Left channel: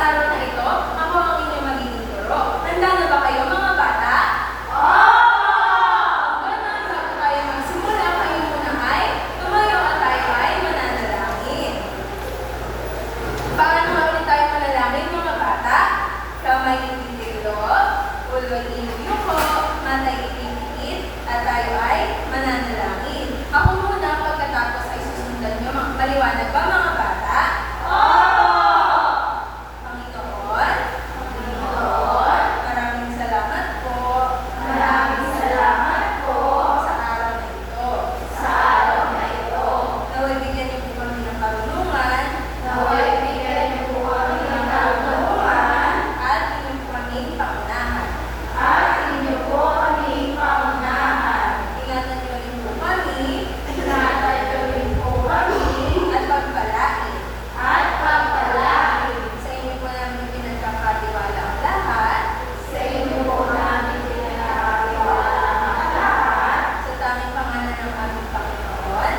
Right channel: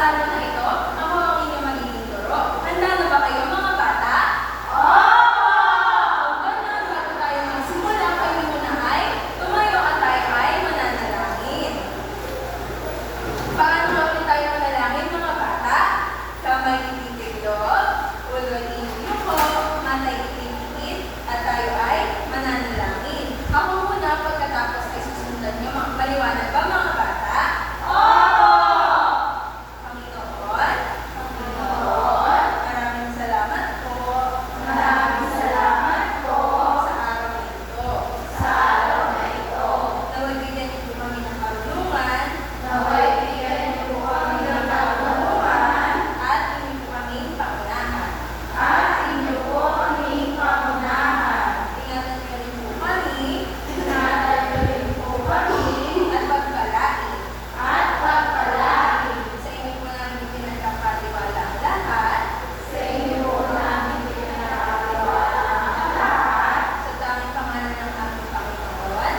araw na ito, ako ang inyong magiging guro. Handa na ba kayo mga bata? Ganun, bago tayo magsimula, kayo muna ay tumayo at tayo ay mananalangin. Paano nga ulit tayo manalangin mga bata? Kamay ititiglob, ulo ay iniyuko, matay itinigit, at tayo ay mananalangin. Ako muna, pagkatapos ay susundan nyo. Maliwanag ba mga bata? Panginoon, maraming salamat po. Sa araw na ito. Naway bigyan niyo po kami ng karunungan. At inyo po kaming pangunahan. Ingatan niyo rin po kami. At pagpalain. Sa inyo po namin pinagkakatiwala ang lahat. Sa tanging pangalan ng aming Panginoon.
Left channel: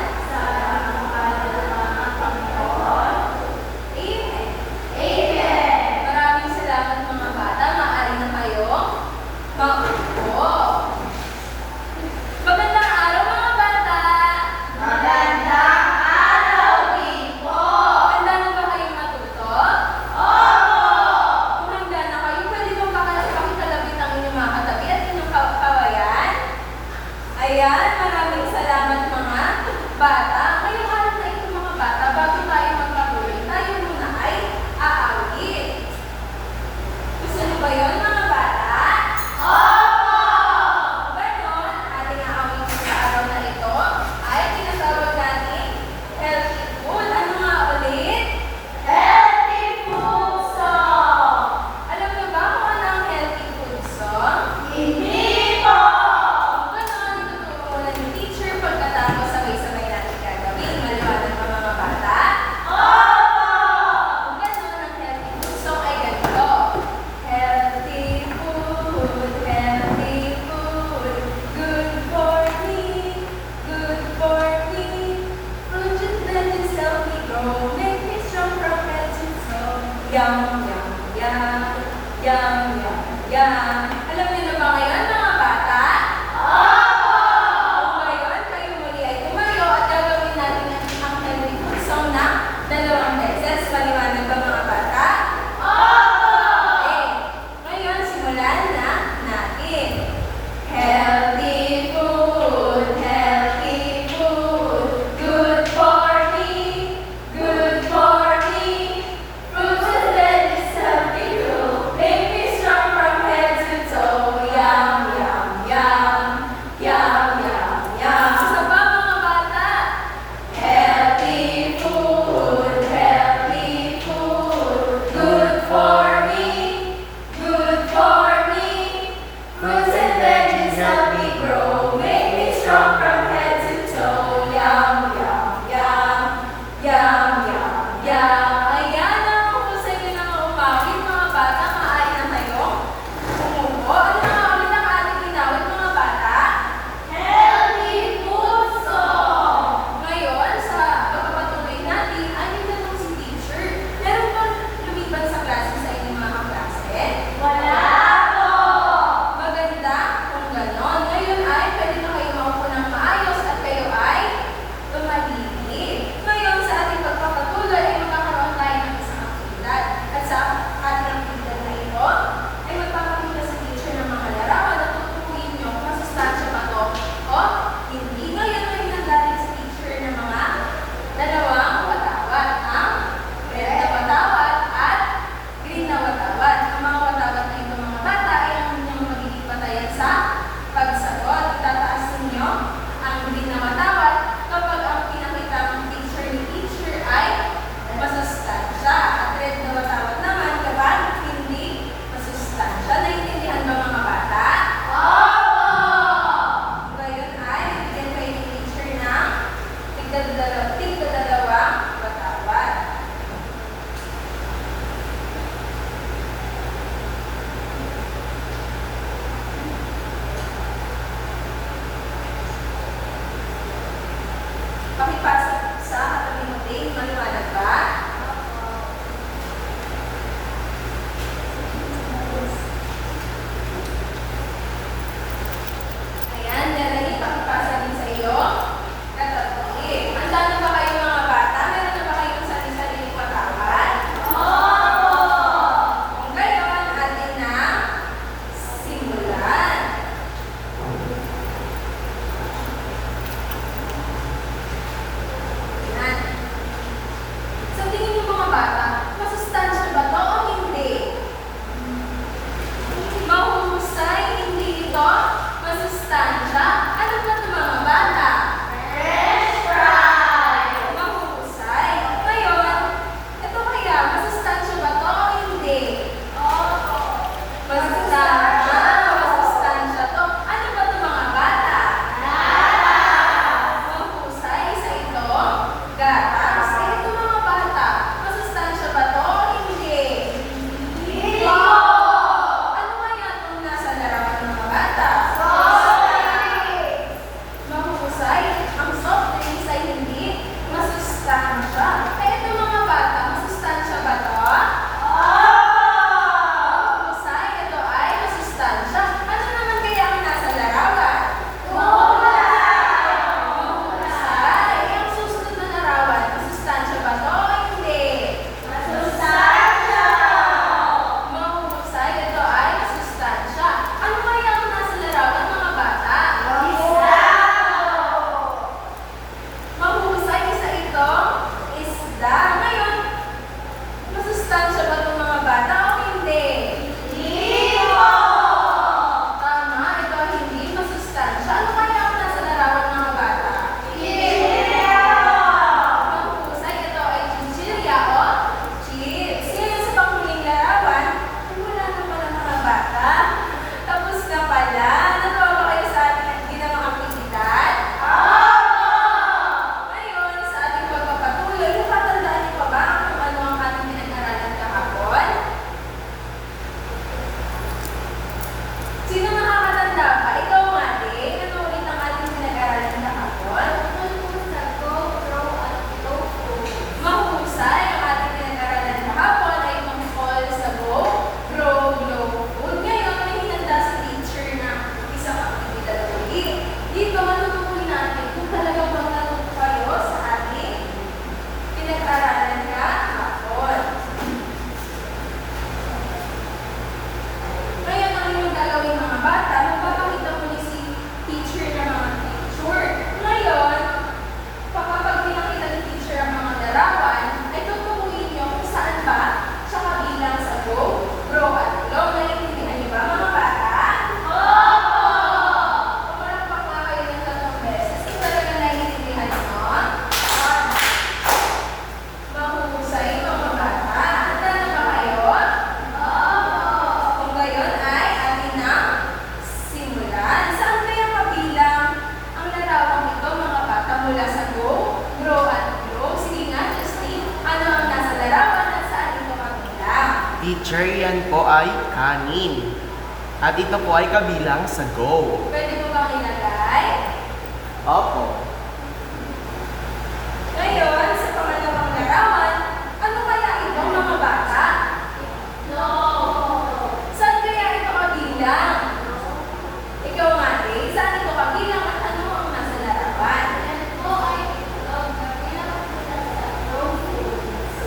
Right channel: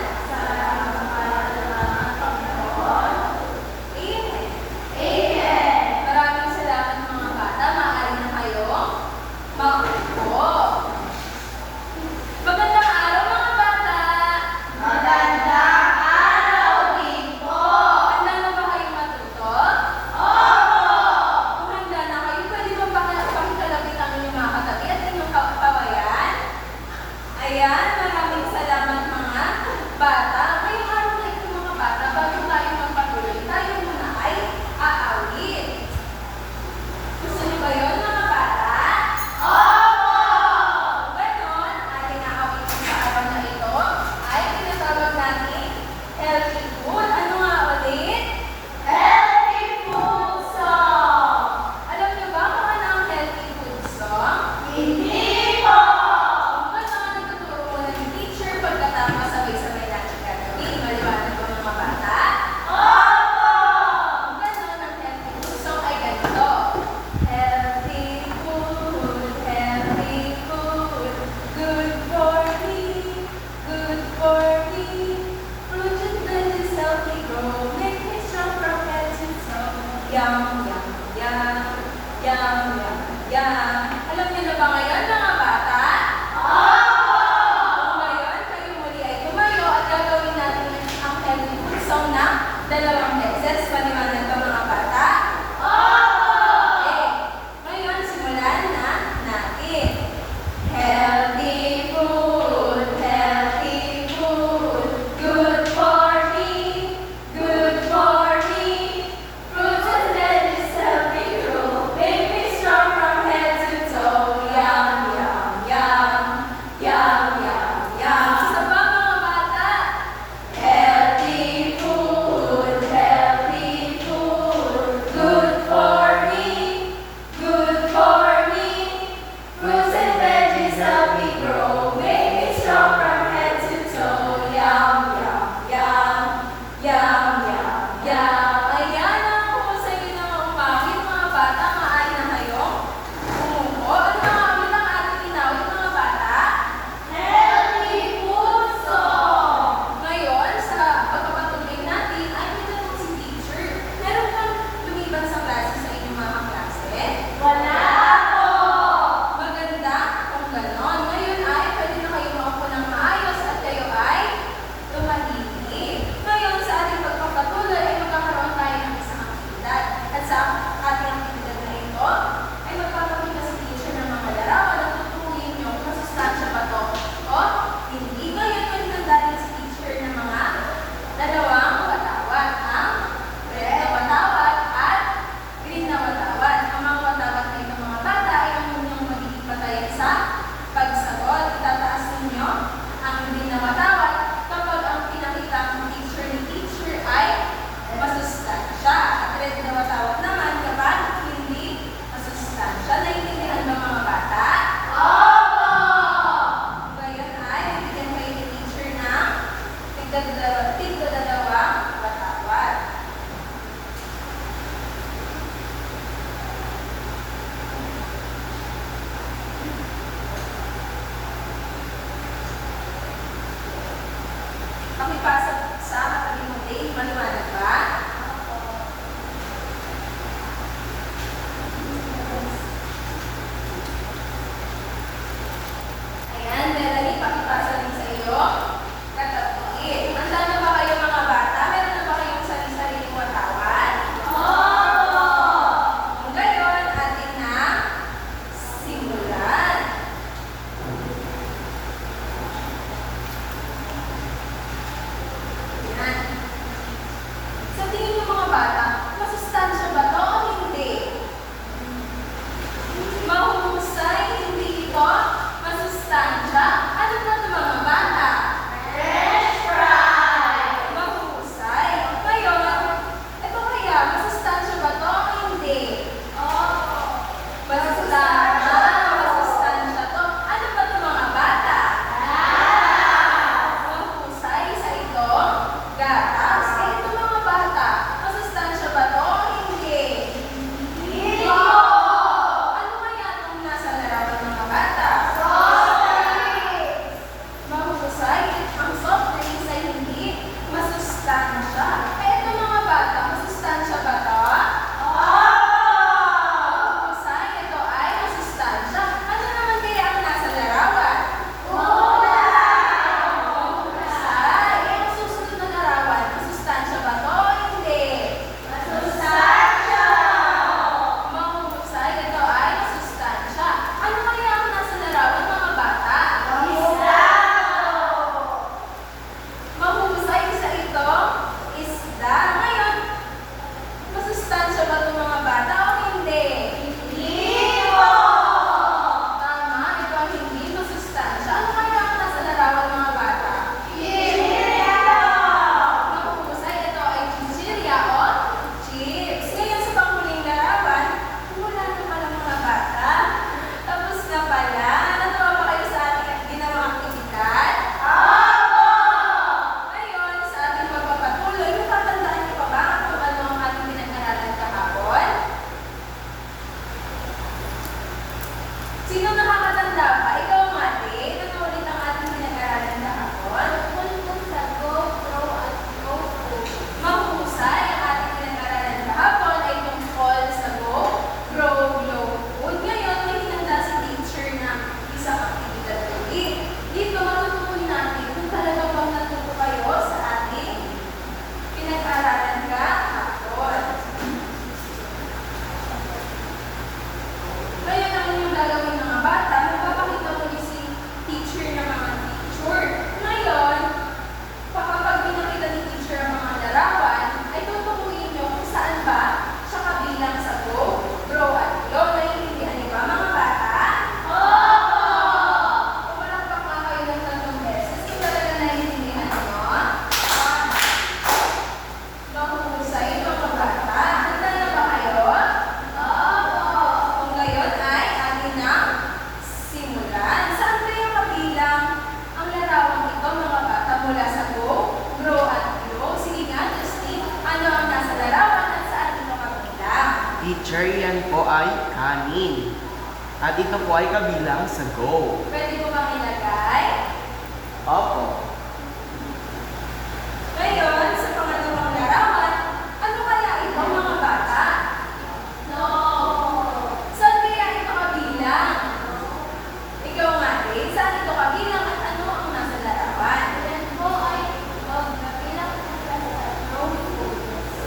Amen. Maraming salamat mga bata. Maaari na kayong maupo. Magandang araw mga bata. Handa na ba kayong matuto? Kung handa na kayo, pwede bang pakikalabit ang inyong mga katabi at inyong kawayan? Ayan, maraming salamat mga bata. Ngayong araw na ito mga bata, bago tayo magpatuloy, tayo muna ay aawit. Gusto niyo ba yun mga bata? Ganon, ating aawitin sa araw na ito ay tinatawag natin healthy food. Ano nga ulit? Alam niyo ba kung ano ang healthy food song? Ganon, ituturo muna ni teacher pagkatapos sabay-sabay natin gagawin. Maliwanag ba mga bata? Ganon, ang healthy food song ay ganito. Healthy food, good for me, good for me. Fruits and veggies help me grow, make me strong from head to toe. Yum, yum, yum, yum, yum, yum. Alam niyo na ba ngayon mga bata? Kung ngayon, kayo muli ay tumayo at gagawin natin ang healthy food song ng 2 beses. Maliwanag ba mga bata? Okay. Ngayon, simulan na natin. Healthy food, good for me, good for me. Fruits and veggies help me grow, make me strong from head to toe. Yum, yum, yum, yum, yum, yum. Isa pa mga bata? Healthy food, good for me, good for me. Fruits and veggies help me grow, make me strong from head to toe. Yum, yum, yum, yum, yum, yum. Ayan, ako po sa inyo na umawit mga bata. Maaari na kayong umupo. Ano na nga ulit ang ating inawit mga bata? Ngayon, sa pagpapatuloy natin, ay may tanong si teacher. Meron bang lumipat sa klase sa inyong mga kaklase? Maganda kung ganon. Ngayon ay pwede na kayo maupo ng maayos at kayo ay tumahimik. Ngayon sa ating pagpapatuloy ay magkakaroon tayo ng isang aktibidad. At sa ating aktibidad na ito ay magpapakita sa teacher ng mga larawan at tutukuyin nyo kung masustansya ba to o hindi. Ngayon ay hinanda rin si teacher ng mga dalawang watawat. Ang red na watawat at green na watawat. Ang mga watawat na ito mga bata ay ang inyong magiging batayan sa pagsagot. Itataas ninyo ang green na watawat kapag ang pinakita ng teacher ni teacher ay masustansya. At red na watawat naman kapag hindi masustansya. Naiintindihan ba mga bata? Ngayon ay bibigyan kayo ni teacher ng tigdadalawang watawat. Pakipasa sa katabi mo din, maliwanag ba? Melanie, pakipasa din sa iyo. Katatli. Handa na ba kayo mga bata? Meron na ba kayong sarili-sariling katawan? Kung gayon, atin na simulan. Yan. Sa tingin niyo mga bata, masustansya ba to o hindi? Mahusay, hindi ito masustansya. Ano ba ito mga bata? French fries! Mahusay. Ngayon, ito kaya, masustansya ba ito o hindi? Masustansya. Masustansya to. Ano ba ito mga bata? Mahusay. Isa ito, gatas. Eh, ito mga bata, masustansya ba ito o hindi? Ano kaya itong nasa larawan ng mga bata? Mahusay. Ang soft drinks ay hindi masustansya. Eh, ito mga bata, masustansya ba ito? Mahusay. Ito ay masustansya. Ano naman kaya ang nasa larawan? Mahusay. Eh, ang susunod na larawan, masustansya ba ito o hindi? Mahusay. Ito ay masustansya. Ano kaya ang nasa larawan mga bata? Mahusay. Isa ito, isda. Ngayon, masustansya ba itong mga bata o hindi? Tama. Ito ay hindi masustansya. Ano kaya ang nasa larawan mga bata? Mahusay. Ito ay chichirya o chips. Ngayon sa panghuling larawan, wala na pala mga bata. Tapos na pala. Natuwa ba kayo sa ating ginawang aktibidad? Ngayon, sa ating pagpapatuloy, natatandaan niyo pa ba kung ano ang ating pinag-aralan kahapon? Sino nakakatanda pa? Ikaw, Mate. Ano ulit ang ating pinag-aralan kahapon? Mahusay. Ang ating pinag-aralan kahapon ay tungkol sa go, grow, glow food. Ngayon, may hinanda si teacher na isang aktibidad ulit. Dito, matutukoy natin kung talaga bang natuto kayo sa ating pinag-aralan kahapon. Ngayon, ang inyong gagawin mga bata, magpapakita mo niyo si teacher na mga picture. Ngayon, kapag pinakita ni teacher ang mga larawan, ay tutukuyin niyo kung saan ba siya kabilang sa go, grow, at glow. Naiintindihan niyo ba mga bata? Pumalakpak nga kayo ng 3 beses. Kung talaga naiintindihan niyo, mahusay mga bata. Handa na ba kayo? Kung gayon ay atin na simulan. Saan kaya kabilang ang larawang ito mga bata mula sa go, grow, at glow? Sige nga, Justine, ano ang nasa larawan at saan ito kabilang? Teacher, yan po ay kanin. At ito po ay kabilang sa go. Pwede mo bang ilagay? Opo. Ngayon, sa pangalawang larawan, ano kaya ito mga bata? Saan kaya ito kabilang? Ikaw nga din, saan ito kabilang at ano ang nasa larawan?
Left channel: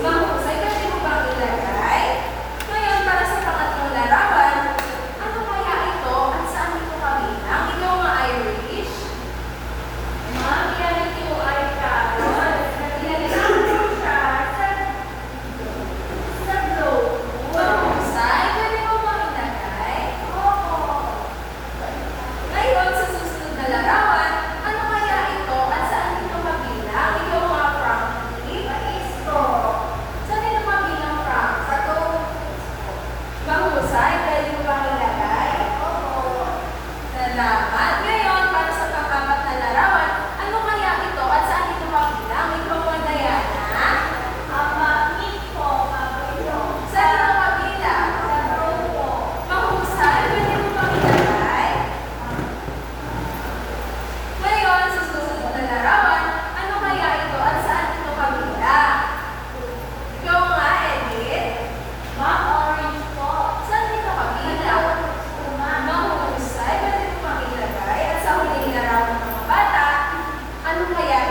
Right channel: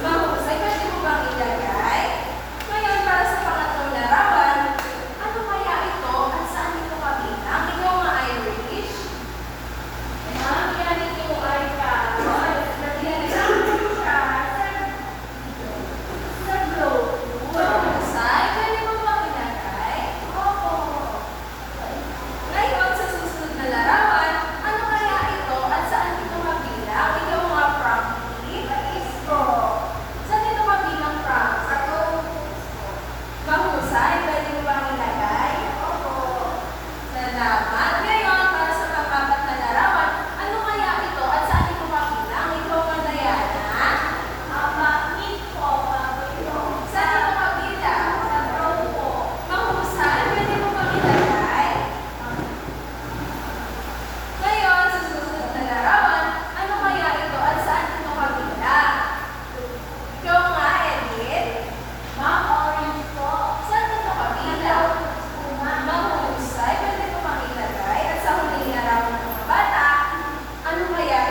Mahusay, pwede mo bang ilagay? Ngayon, para sa pangatlong larawan, ano kaya ito at saan ito kabilang? Ikaw nga, Irish.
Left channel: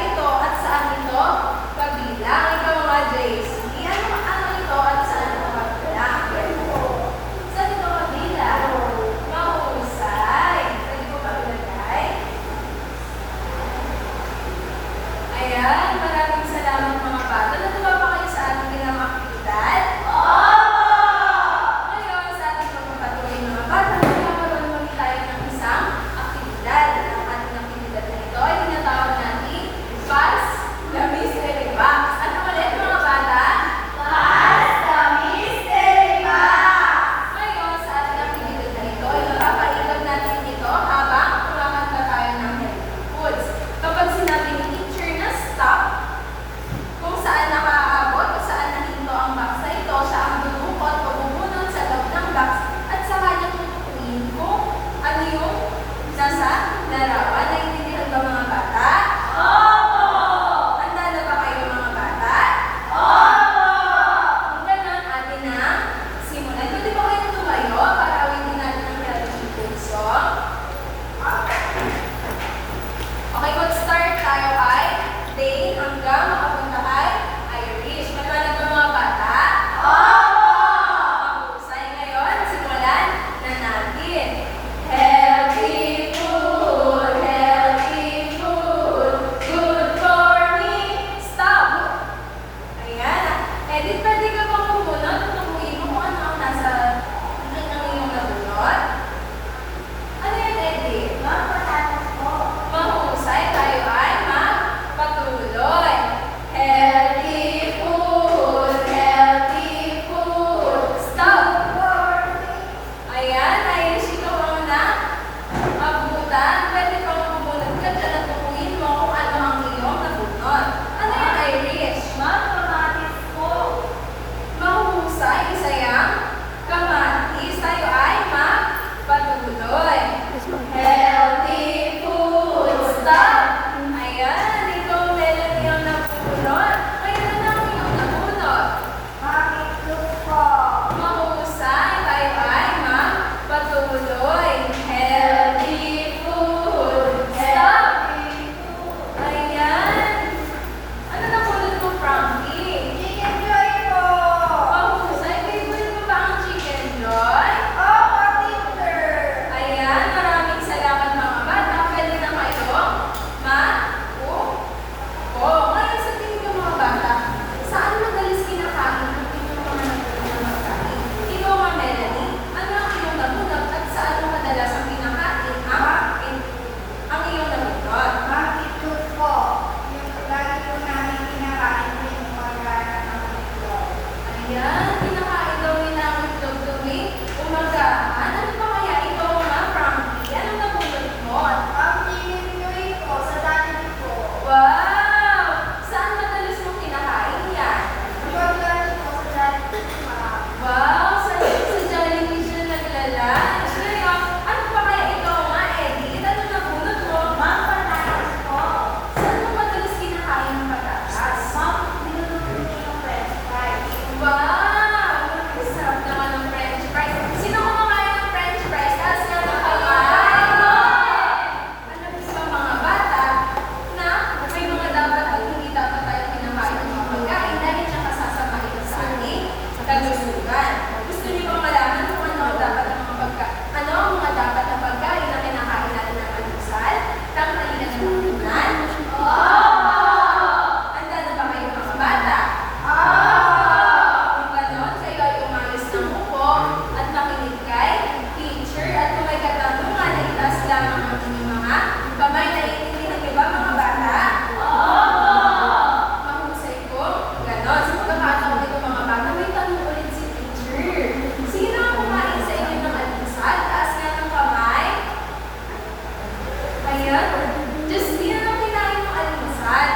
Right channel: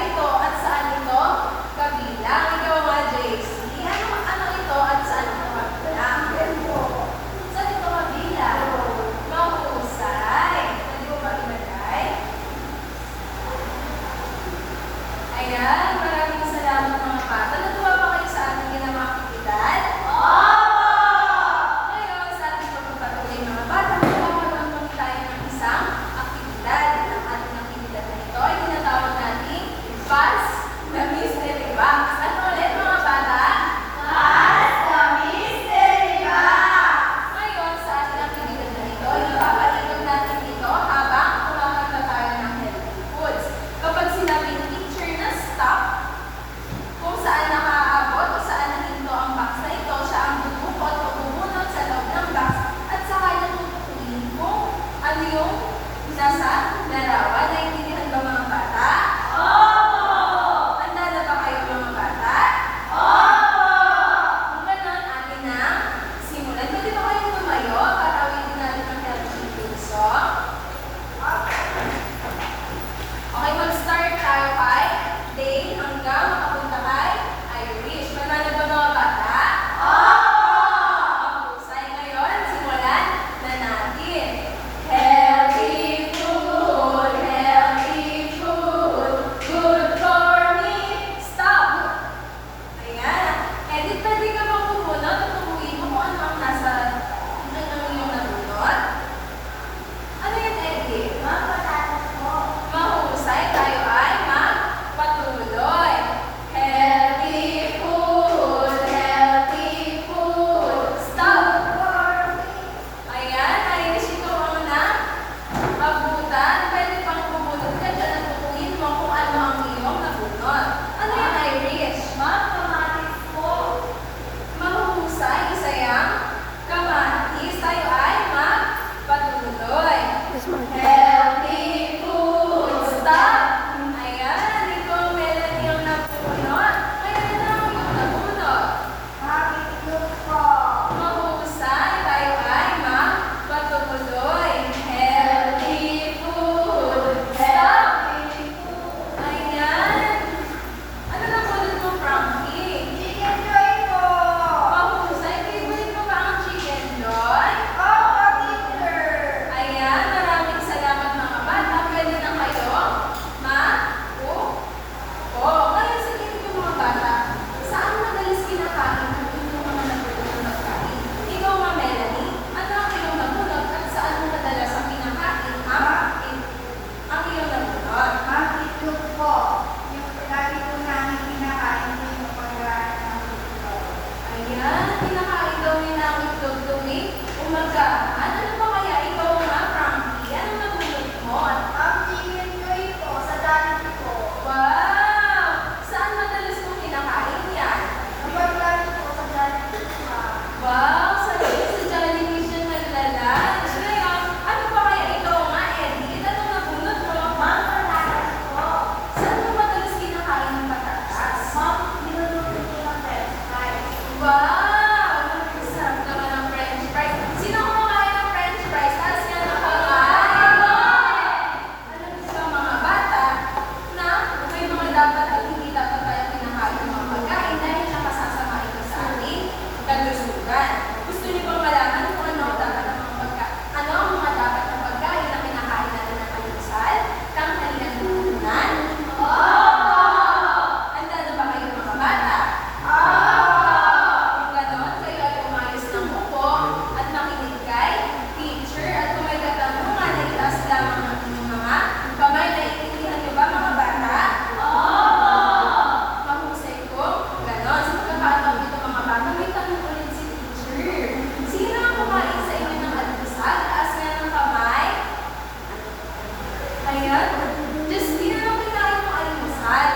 ito at saan ito kabilang? Ikaw nga, JC. Ano ito at saan ito kabilang? Saan ito kabilang? Mahusay. Pwede ko pa ilagay? Ayan, maraming salamat mga bata. Natuwa pa kayo sa ating ginawang aktibidad? Ngayon, sa ating pagpapatuloy mga bata, magkakaroon muli tayo ng isang aktibidad. Ang ating aktibidad na ito ay tinatawag natin Pass the Mystery Box. Ano ulit mga bata? Ngayon, sa ating aktibidad na ito, ipapaikot natin ito habang kumakanta tayo ng healthy foods. Kapag sinabi ni teacher na stop, kung saan nakaaabot o saan nahinto ang box na ito, siya ang dudukot o bumunot sa loob ng box at saka niya tutukuin kung ano yung nasa larawan. Naiintindihan ba mga bata? Handa na ba kayo mga bata? Kung ganon, atin na simulan. Pwede ba kayong tumayo para awitin natin ang healthy food song? Okay, mag-start tayo kay Day hanggang makapunta kay Irish. Maliwanag ba mga bata? Mahusay. Ngayon, simulan na natin. Healthy food, good for me. Stop! Ayan. Edith, pwede ka bang bumunot at tumuhin mo kung ano ang nasa ang iyong nabunot? Ano yan, Edith? Mahusay, tayo ay magpatuloy. Healthy food, stop! Ayan, Irish, ikaw ang abutan. Pwede pang bumunot ka dyan at tukuyin mo kung ano ang iyong nabunot. Ano yan, Irish? Mahusay, isa yang kamatis. Tayo ay magpatuloy. Healthy food, stop! Ayan, ikaw Melanie ang nabunot. Ngayon na ang iyong nabunot. Mahusay, tayo ay magpatuloy. Healthy food, stop! Ayan. Ano nabunot mo, Frankie? Mahusay, favorite mo ba ang Chicken Joy? Ayan, maraming salamat mga bata. Pwede na kayo ngayon sa tingin niyo mga bata, saan madalas kinakain ang inyong mga nabunot ng pagkain? Ikaw nga, Melanie, ano ang iyong nabunot at saan mo madalas ang kinakain ang iyong nabunot? Ayan, kinakain daw nila ang itlog tuwing umagahan. Ano ba kaya ikaw nga, Frankie? Anong nabunot mo? Wow! Saan madalas mong kinakain yan? Wow! Sa Jollibee siya naglalunch. Ngayon, ano pa kaya ikaw nga, Eddie? Anong nabunot mo? Saan mo madalas kinakain ang patatas? Wow! Ang sarap naman ng French fries. Sino kumakain ng French fries? Taas nga ng kamay. Alam niyo ba mga bata na may mga dapat at hindi dapat tayong kinakain ng mga pagkain dahil nakasasama ito sa ating kalusugan. Gusto niyo bang malaman kung ano ang mga dapat na pagkain na kinakain natin ng almusal, tanghalian at hapunan? Handa na ba kayo mga bata? Kung ganon, kayo ay umayos ng upo at makinig kay teacher. At kung may katanungan, ay itaas lamang ang inyong mga kamay. Naiintindihan niyo ba mga bata? Mahusay ko. Ganon. Sa pagkakataon ito mga bata, may tanong ulit si teacher. Sino ang kumain sa inyo ng almusal? Taas nga ng kamay. Ayan. Justine, anong kinain ng almusal?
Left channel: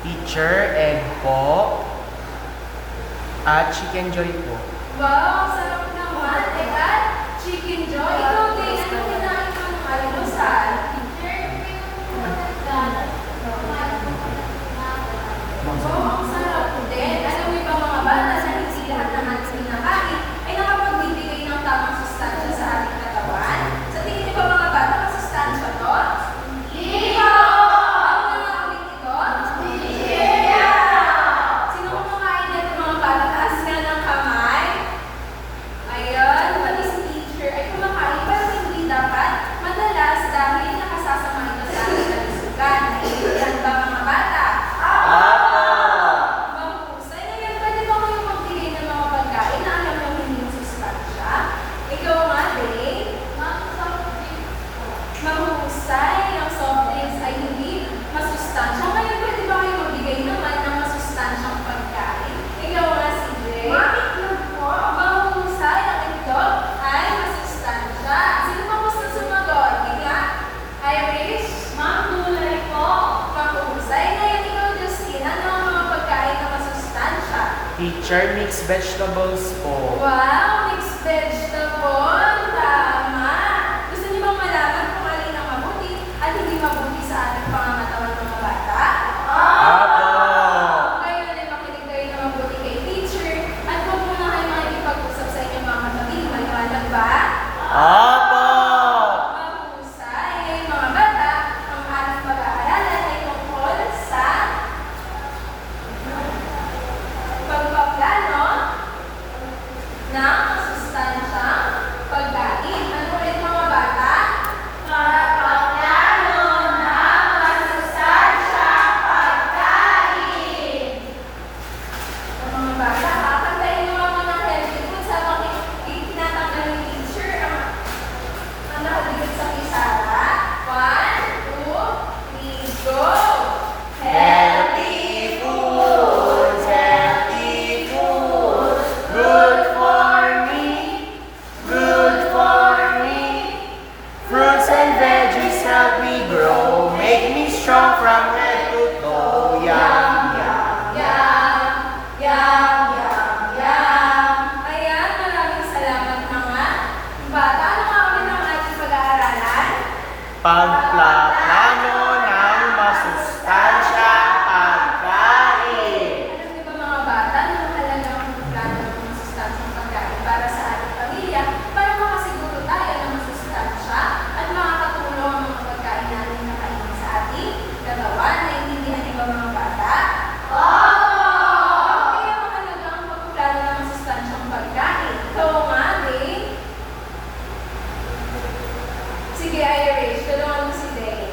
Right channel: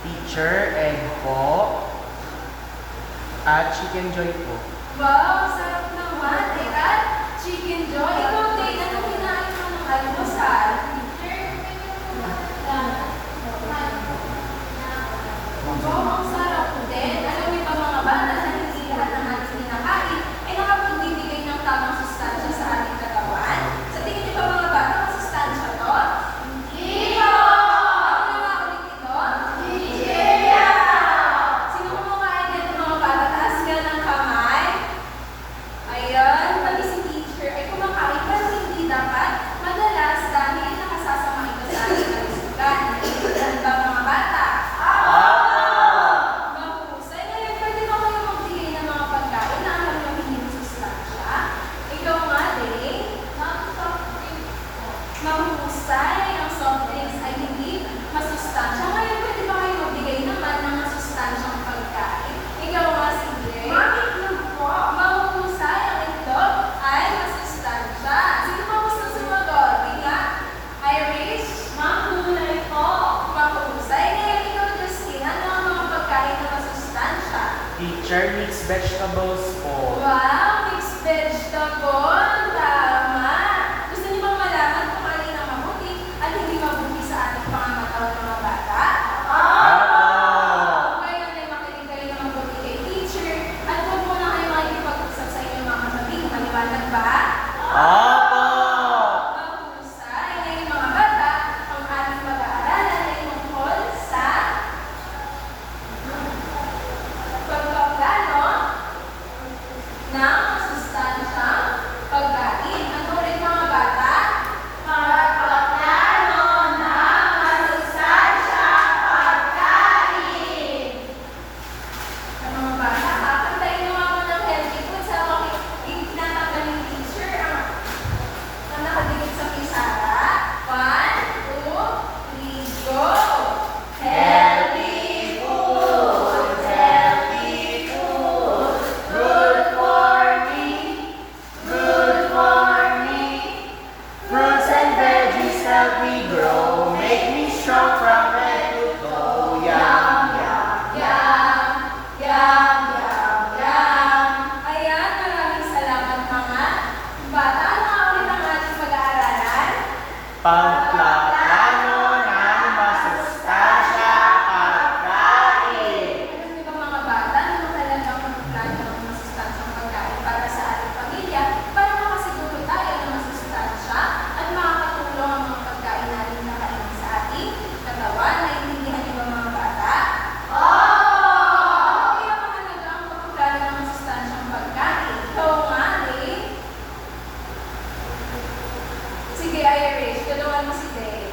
Teacher, egg po. At Chicken Joy po. Wow, sarap naman. At Chicken Joy. Ikaw din, anong kinain mo ng almusal? Wow, ang sarap din. Alam niyo ba mga bata, sa hindi lahat ng ating kinakain ay nakapagbibigay ng tamang sustansya sa ating katawan? Sa tingin niyo ba mga bata, masustansya to? Hindi po! Ano nga ulit ito? Teacher, mixed vegetables po. Wow, mixed vegetable. Tama. Gusto niyo bang malaman kung alin ang mabuti at hindi mabuti sa ating pangangatawan mga bata? Apo! Ngayon ay makinig kayo ng mabuti kay teacher at huwag muna kayo makikipag-usap sa inyong mga katabi. Maliwanag ba? Apo! Mahusay. Ngayon mga bata, ang ating pag-aaralan ay tungkol sa pagpaplano ng masustansyang pagkain. Ano ulit mga bata? Pagpaplano ng masustansyang pagkain. Mga bata, kakantayin naman mo ng healthy foods habang itinatanggal ng teacher ang nakabigit sa pisara. 1, 2, 3, go! Healthy foods, healthy foods, good for me, good for me. Fruits and veggies help me grow, make me strong from head to toe. Yum, yum. Yum, yum, yum, yum. Ayan, maraming salamat mga bata. Ano nga ulit ang ating pag-aaralan? Pagpaplano ng masustansyang pagkain. Alam niyo ba mga bata na mahalaga ang pagplano ng masustansyang pagkain para sa ating pamilya para makasiguro tayo ng masustansya at makakatulong ang mga pagkain natin na kainin sa ating katawan. Naintindihan niyo ba mga bata? Bakit kaya mahalaga ang pagplano ng masustansyang pagkain? Ikaw nga, Dave? Sige, Irish. Tulungan mo si Dave.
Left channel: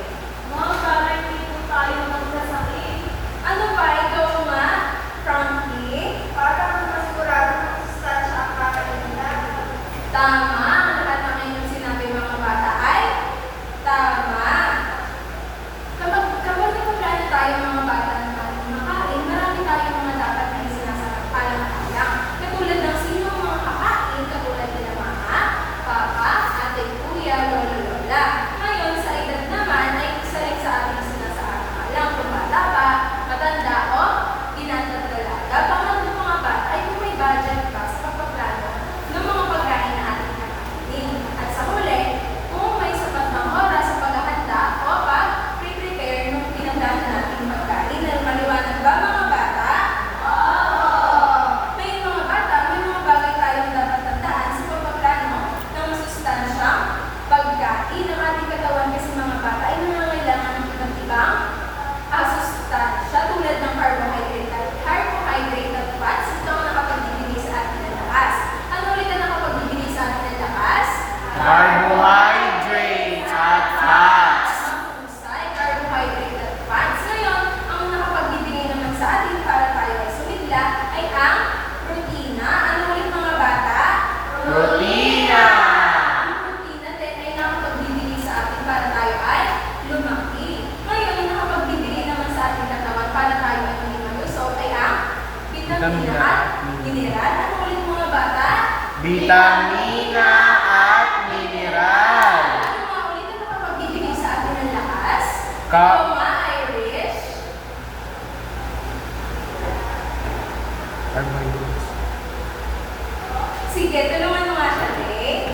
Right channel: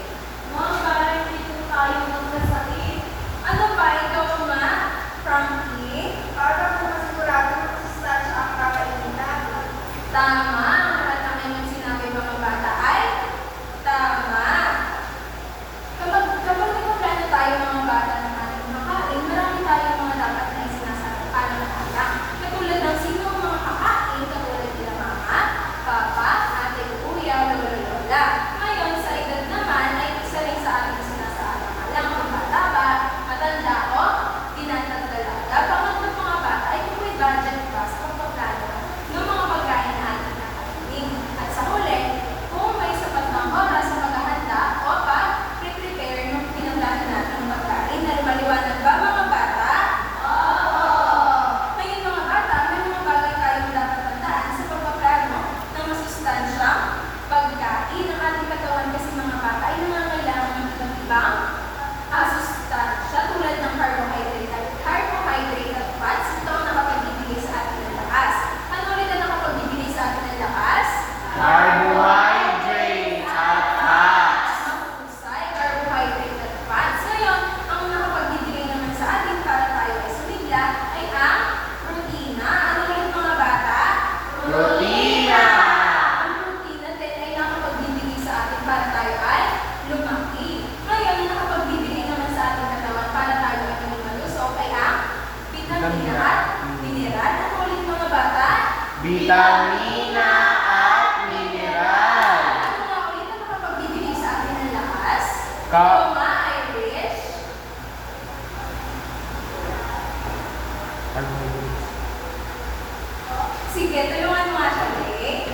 Para hindi po tayo magkasakit. Ano pa? Ikaw nga, Frankie? Para po masigurado ng masustansya ang kakainin natin. Tama. Ang lahat ng inyong sinabi mga bata ay tama. Kapag nagpaplano tayo mga bata ng ating makain, marami tayong mga dapat na isinasalang-alang. Katulad ng sino ang mga kakain, katulad nila mama, papa, ate, kuya, lolo, lola. Ngayon, sa edad naman, ay isa rin sa ating sinasaalang-alang kung bata ba, matanda o tinatagdalaga. Pangatlo mga bata ay kung may budget ba sa pagpaplano ng mga pagkain na ating kakainin. At sa huli, kung may sapat ng oras sa paghahanda o pag-prepare ng pinaplano nating pagkain. Na maliwanag ba mga bata? Ngayon mga bata, may mga bagay tayong dapat tandaan sa pagpaplano ng masustansyang pagkain ng ating katawan kasi mga bata ay nangangailangan ng iba't ibang sustansya tulad ng carbohydrate at fats. Ito ang nakapagbibigay sa atin ng lakas. Ano ulit ang nakapagbibigay sa atin ng lakas? Carbohydrates at fats. Mahusay, carbohydrate at fats. Ngayon, ang nakapagbibigay naman sa atin para tayo ay sumigla ay ang protina. Ano ulit mga bata? Protina. Ang protina din ay nakapagbibigay sa atin para tayo ay lumaki. Ngayon, ang nakapagbibigay naman sa ating katawan para tayo ay maging malusog ay ang vitamina at mineral. Ano ulit mga bata? Vitamina at mineral. Ano nga ulit ang nakapagbibigay sa atin ng lakas? Ka- Ikaw nga, Irish? Sige, tulungan mo nga siya, Dave.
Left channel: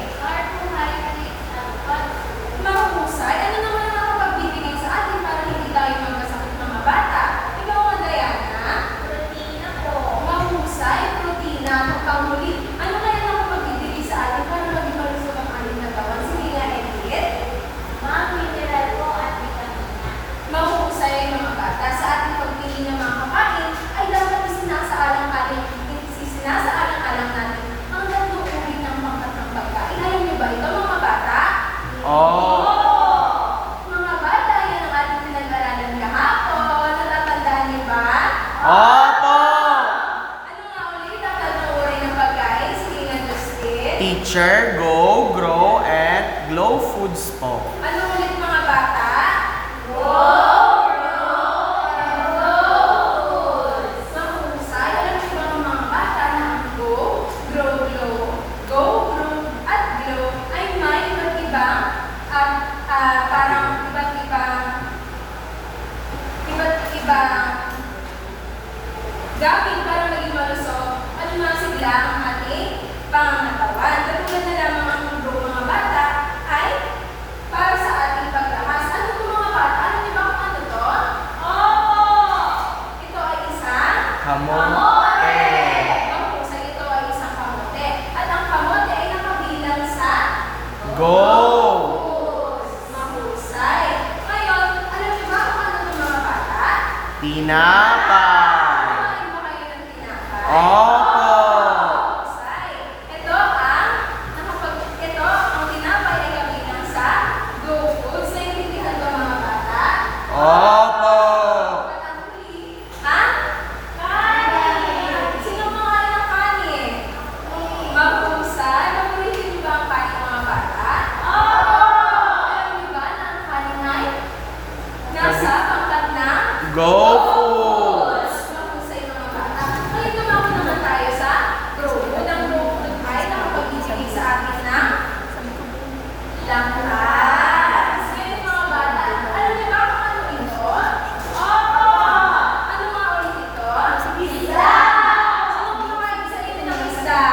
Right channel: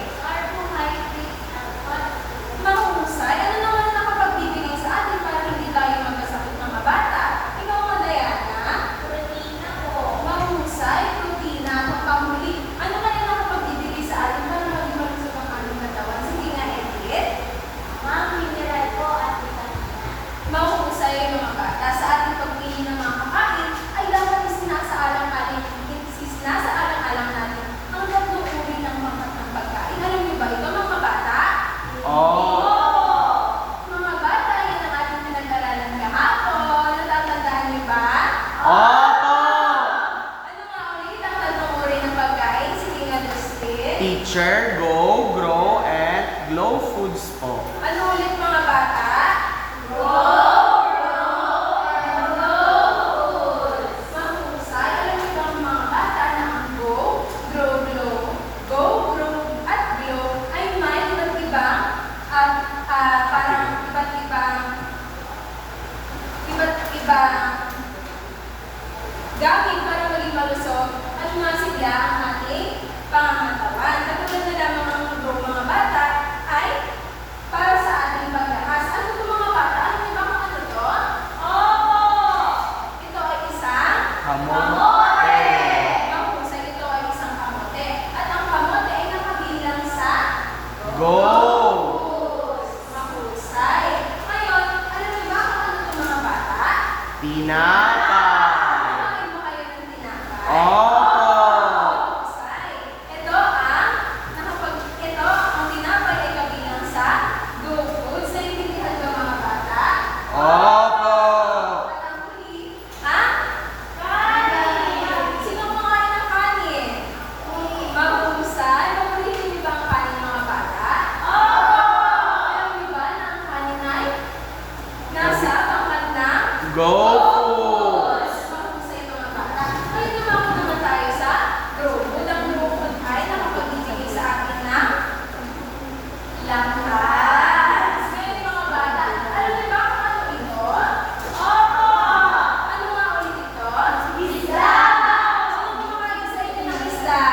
Mahusay. Ano naman ang nakapagbibigay sa atin para hindi tayo magkasakit mga bata? Ikaw nga, Diana? Protina po. Mahusay, protina at panghuli. Ano kaya nakapagbibigay sa atin para maging malusog ang ating katawan? Sige nga, Edith. Mineral po at vitamina. Mahusay mga bata. Sa ating pagpili ng mga kakain ay dapat isinasaalang-alang natin ang tatlong uri ng pangkat ng pagkain. Alam niyo ba ito mga bata? Oh. Mga bata, yan ang ating pinag-aralan kahapon. Natatandaan niyo ba? Opo. Ano nga ulit ang tatlong uri ng pagkain? Sige nga, Justin. Teacher, go, grow, and glow foods po. Ano ulit mga bata? Mahusay. Alam niyo ba mga bata na ang go, grow, at glow ay may iba't ibang parang iba't ibang gamit para maging malusog tumasigla ang ating pangangatawan. Katulad na lamang ang libro mga bata ay para sa ating paglakas. Ano ito mga bata? Alam niyo ba kung ano ito? Opo! Ito ay isang Kamote. mahusay. Ito ay isang kamote. At ang kamote ay nakabilang sa Go! mahusay. Ngayon, alam niyo ba kung ano ito mga bata? Tinapay. Kumain ba kayo ng tinapay? Opo. Mahusay. Ito ang tinapay ay kabilang sa Go Foods. Naiintindihan ba mga bata? Opo. At ang huli, ha? Kanin. Sino kumakain ng kanin? Mahusay. Paborito niyo ba ang kanin mga bata? Alam niyo ba na ang kanin ay nasa pangkat ng Go Foods. mahusay mga bata. Ngayon tumako naman tayo sa grow food. Ang grow food ay nakapagbibigay sa atin ng lakas. Ngayon mga bata, alam niyo ba kung ano ito? Ano nga ulit ito? Isda! Sino kumakain sa inyo ng isda?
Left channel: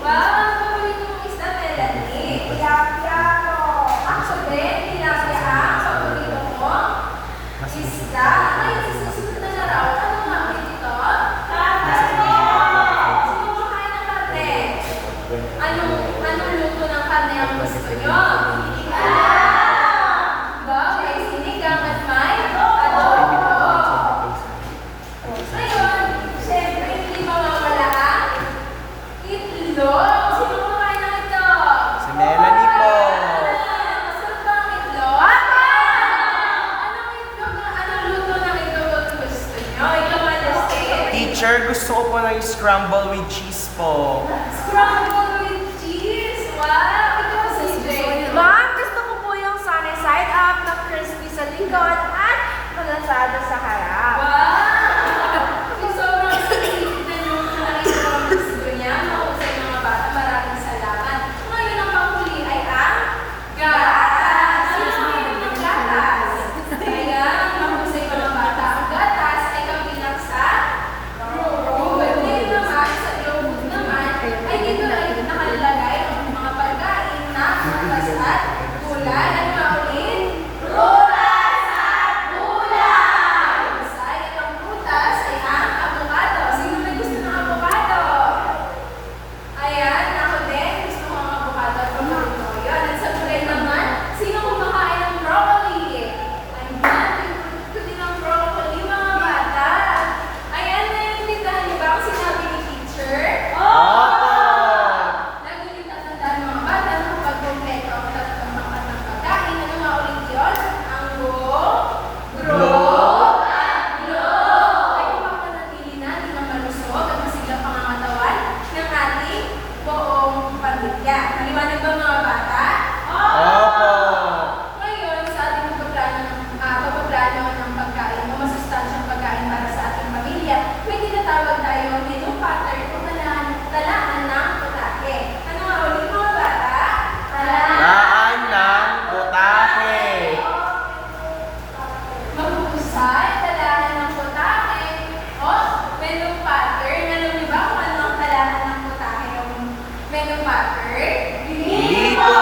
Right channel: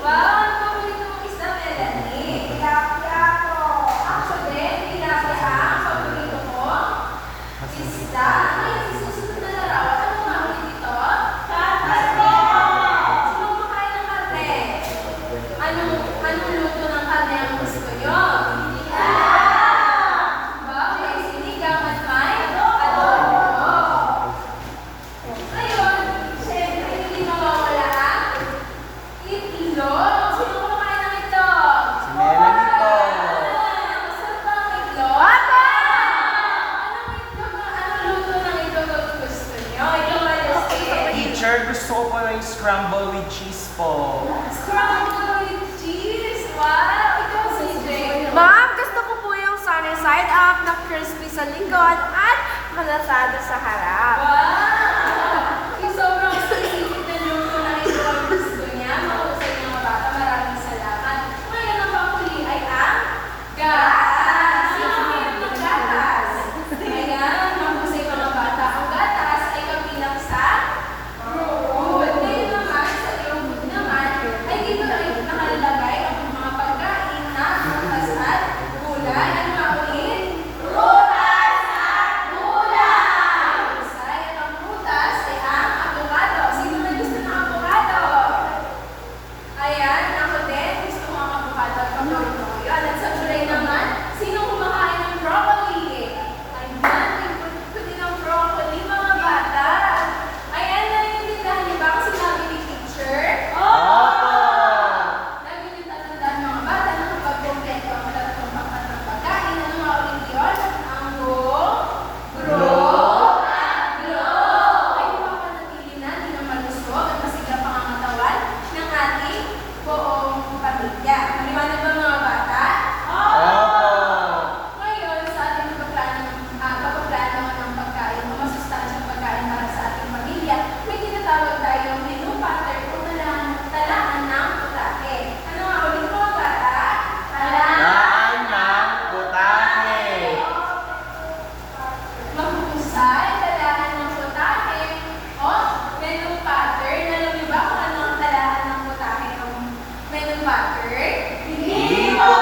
Wow! Ano paborito mong isda, Melanie? Tilapia. Ako sabihin, tilapia ang paborito mo? Isda. Ngayon, sa susunod na larawan, ano nga ulit ito? Sino kumakain ng karne? Anong luto ng karne ang gusto nyo? Diba? May sinigang at may adobo. Ngayon, syempre, hindi mawawala ang itlog. Sino kumakain ng itlog? Si Melanie po. Masarap ba ang itlog? Anong luto ng itlog ang gusto nyo? Ikaw, Alice? Teacher, gusto ko po ng scramble with cheese po. Scrambled with cheese! Wow! Ikaw, CJ. Ma'am, gusto ko po yung sunny side up na crispy sa likod at malasado sa harap. Wow! Sobrang specific na luto ng itlog ang gusto niya. Mahusay mga bata, maraming salamat. Ngayon ang panghuli ay ang gatas. Sino mayroon ng gatas? Ayan, mahusay mga bata. Ang gatas ay kabilang sa food. Ngayon naman, sa food naman, ay dito ay nakalalagay ang mga pagkain na prutas at gulay. Ano nga ulit? Prutas at gulay! Mahusay. At ang prutas ay ang avocado. Sino may gusto ng avocado? Ayan, ako din. Gusto ko ang avocado at paborito ko yun. At sa gulay naman, sino kumakain ng broccoli? Ayan, gusto din ang broccoli, mga bata. Ayan, naiintindihan niyo ba ang sinabi ni teacher? Opo. Lagi niyo tatandaan mga bata na kapag kumpleto ang tatlong pangkat ng pagkain, ano nga ulit yun? Ang grow, at glow. Ay mapapanatili natin ang malusog at masiglang pangangatawan ng ating buong pamilya. Maliwanag ba mga bata? Opo. Ngayon, sa ating pagpaplano ng pagkain o masustansyang pagkain para sa ating pamilya, may tinatawag tayong menu pattern o talaan ng putahe. Ano nga ulit mga bata? Daan ng putahe. Mahusay, talaan ng putahe o menu pattern. Alam niyo ba kung ano ang talaan ng putahe o menu pattern? Dito.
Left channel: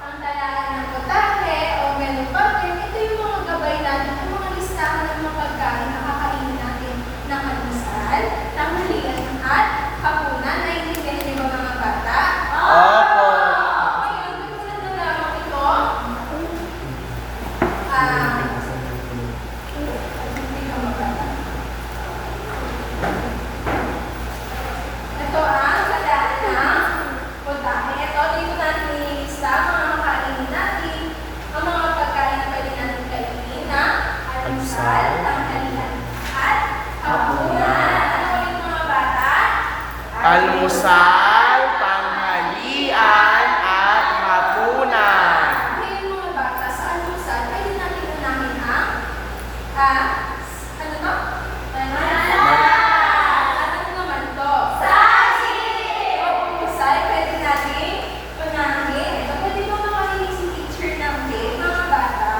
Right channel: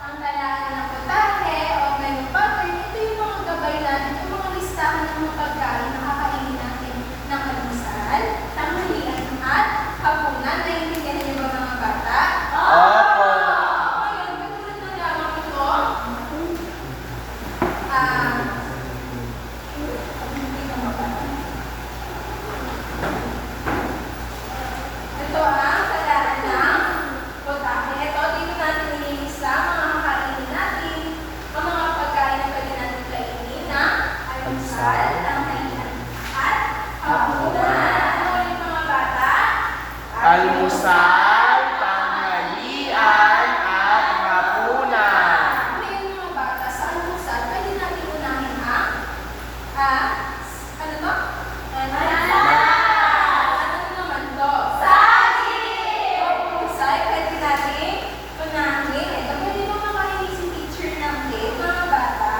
Ang talaan ng putahe o menu pattern, ito yung mga gabay natin, ang mga listahan ng mga pagkain na kakainin natin ng almusal, tanghalian at hapunan. Naiintindihan niyo ba mga bata? Opo. Ngayon, katulad na lamang ito, hindi ka mabata. Ito ang talaan ng putahe. Ito, dito natin nililista ang mga makainin natin, ang mga pagkain na pwede natin kainin na almusal, tanghalian at hapunan. Ano ulit mga bata? Almusal, tanghalian, at hapunan. Ngayon mga bata, sa almusal, pwede natin unahin ang ano to? At ano naman to? Sausage! O almusal, pwede natin unahin. Ito, pwede ba makarinig si teacher ng tape, mga bata?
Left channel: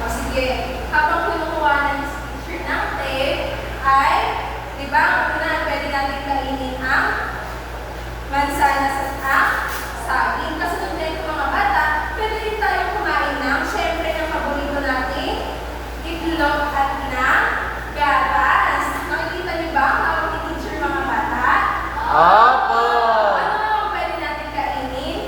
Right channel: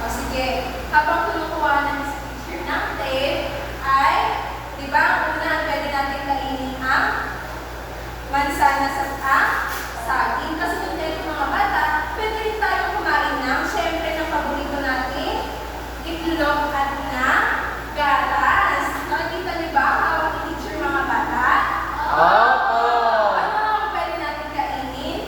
O sige, habang kinukuha na si teacher ng tape, ba? Una, pwede natin kainin ang mansanas at ang saging. Kasunod nito mga bata, pwede rin tayong kumain ng, syempre, ng paborito natin, itlog at ng gatas. Nakikita niyo ba ang hawak ni teacher mga bata? Opo! Ano ang pwede natin kainin?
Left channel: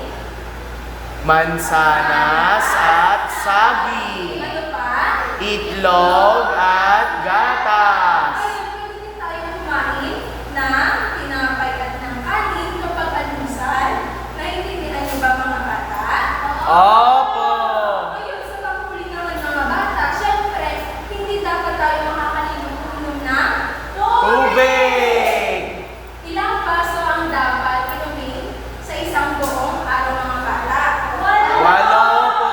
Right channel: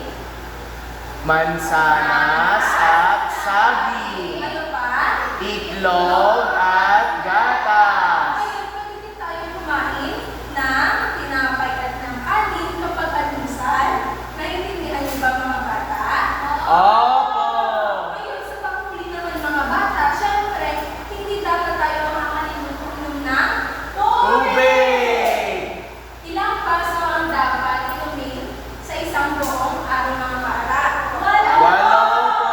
Mansanas at saging. Ano pa? Itlog at gatas. Ayun, pwede din tayong kumain ng tinapay at ng kanin kapag almusal. Naiintindihan niyo ba mga bata? Opo! Ngayon, sa panghuli naman mga bata, syempre, hindi dapat tayo makakalimot uminom ng Tubig! Ilang baso ang dapat inumin sa isang buong araw mga bata? 8 po!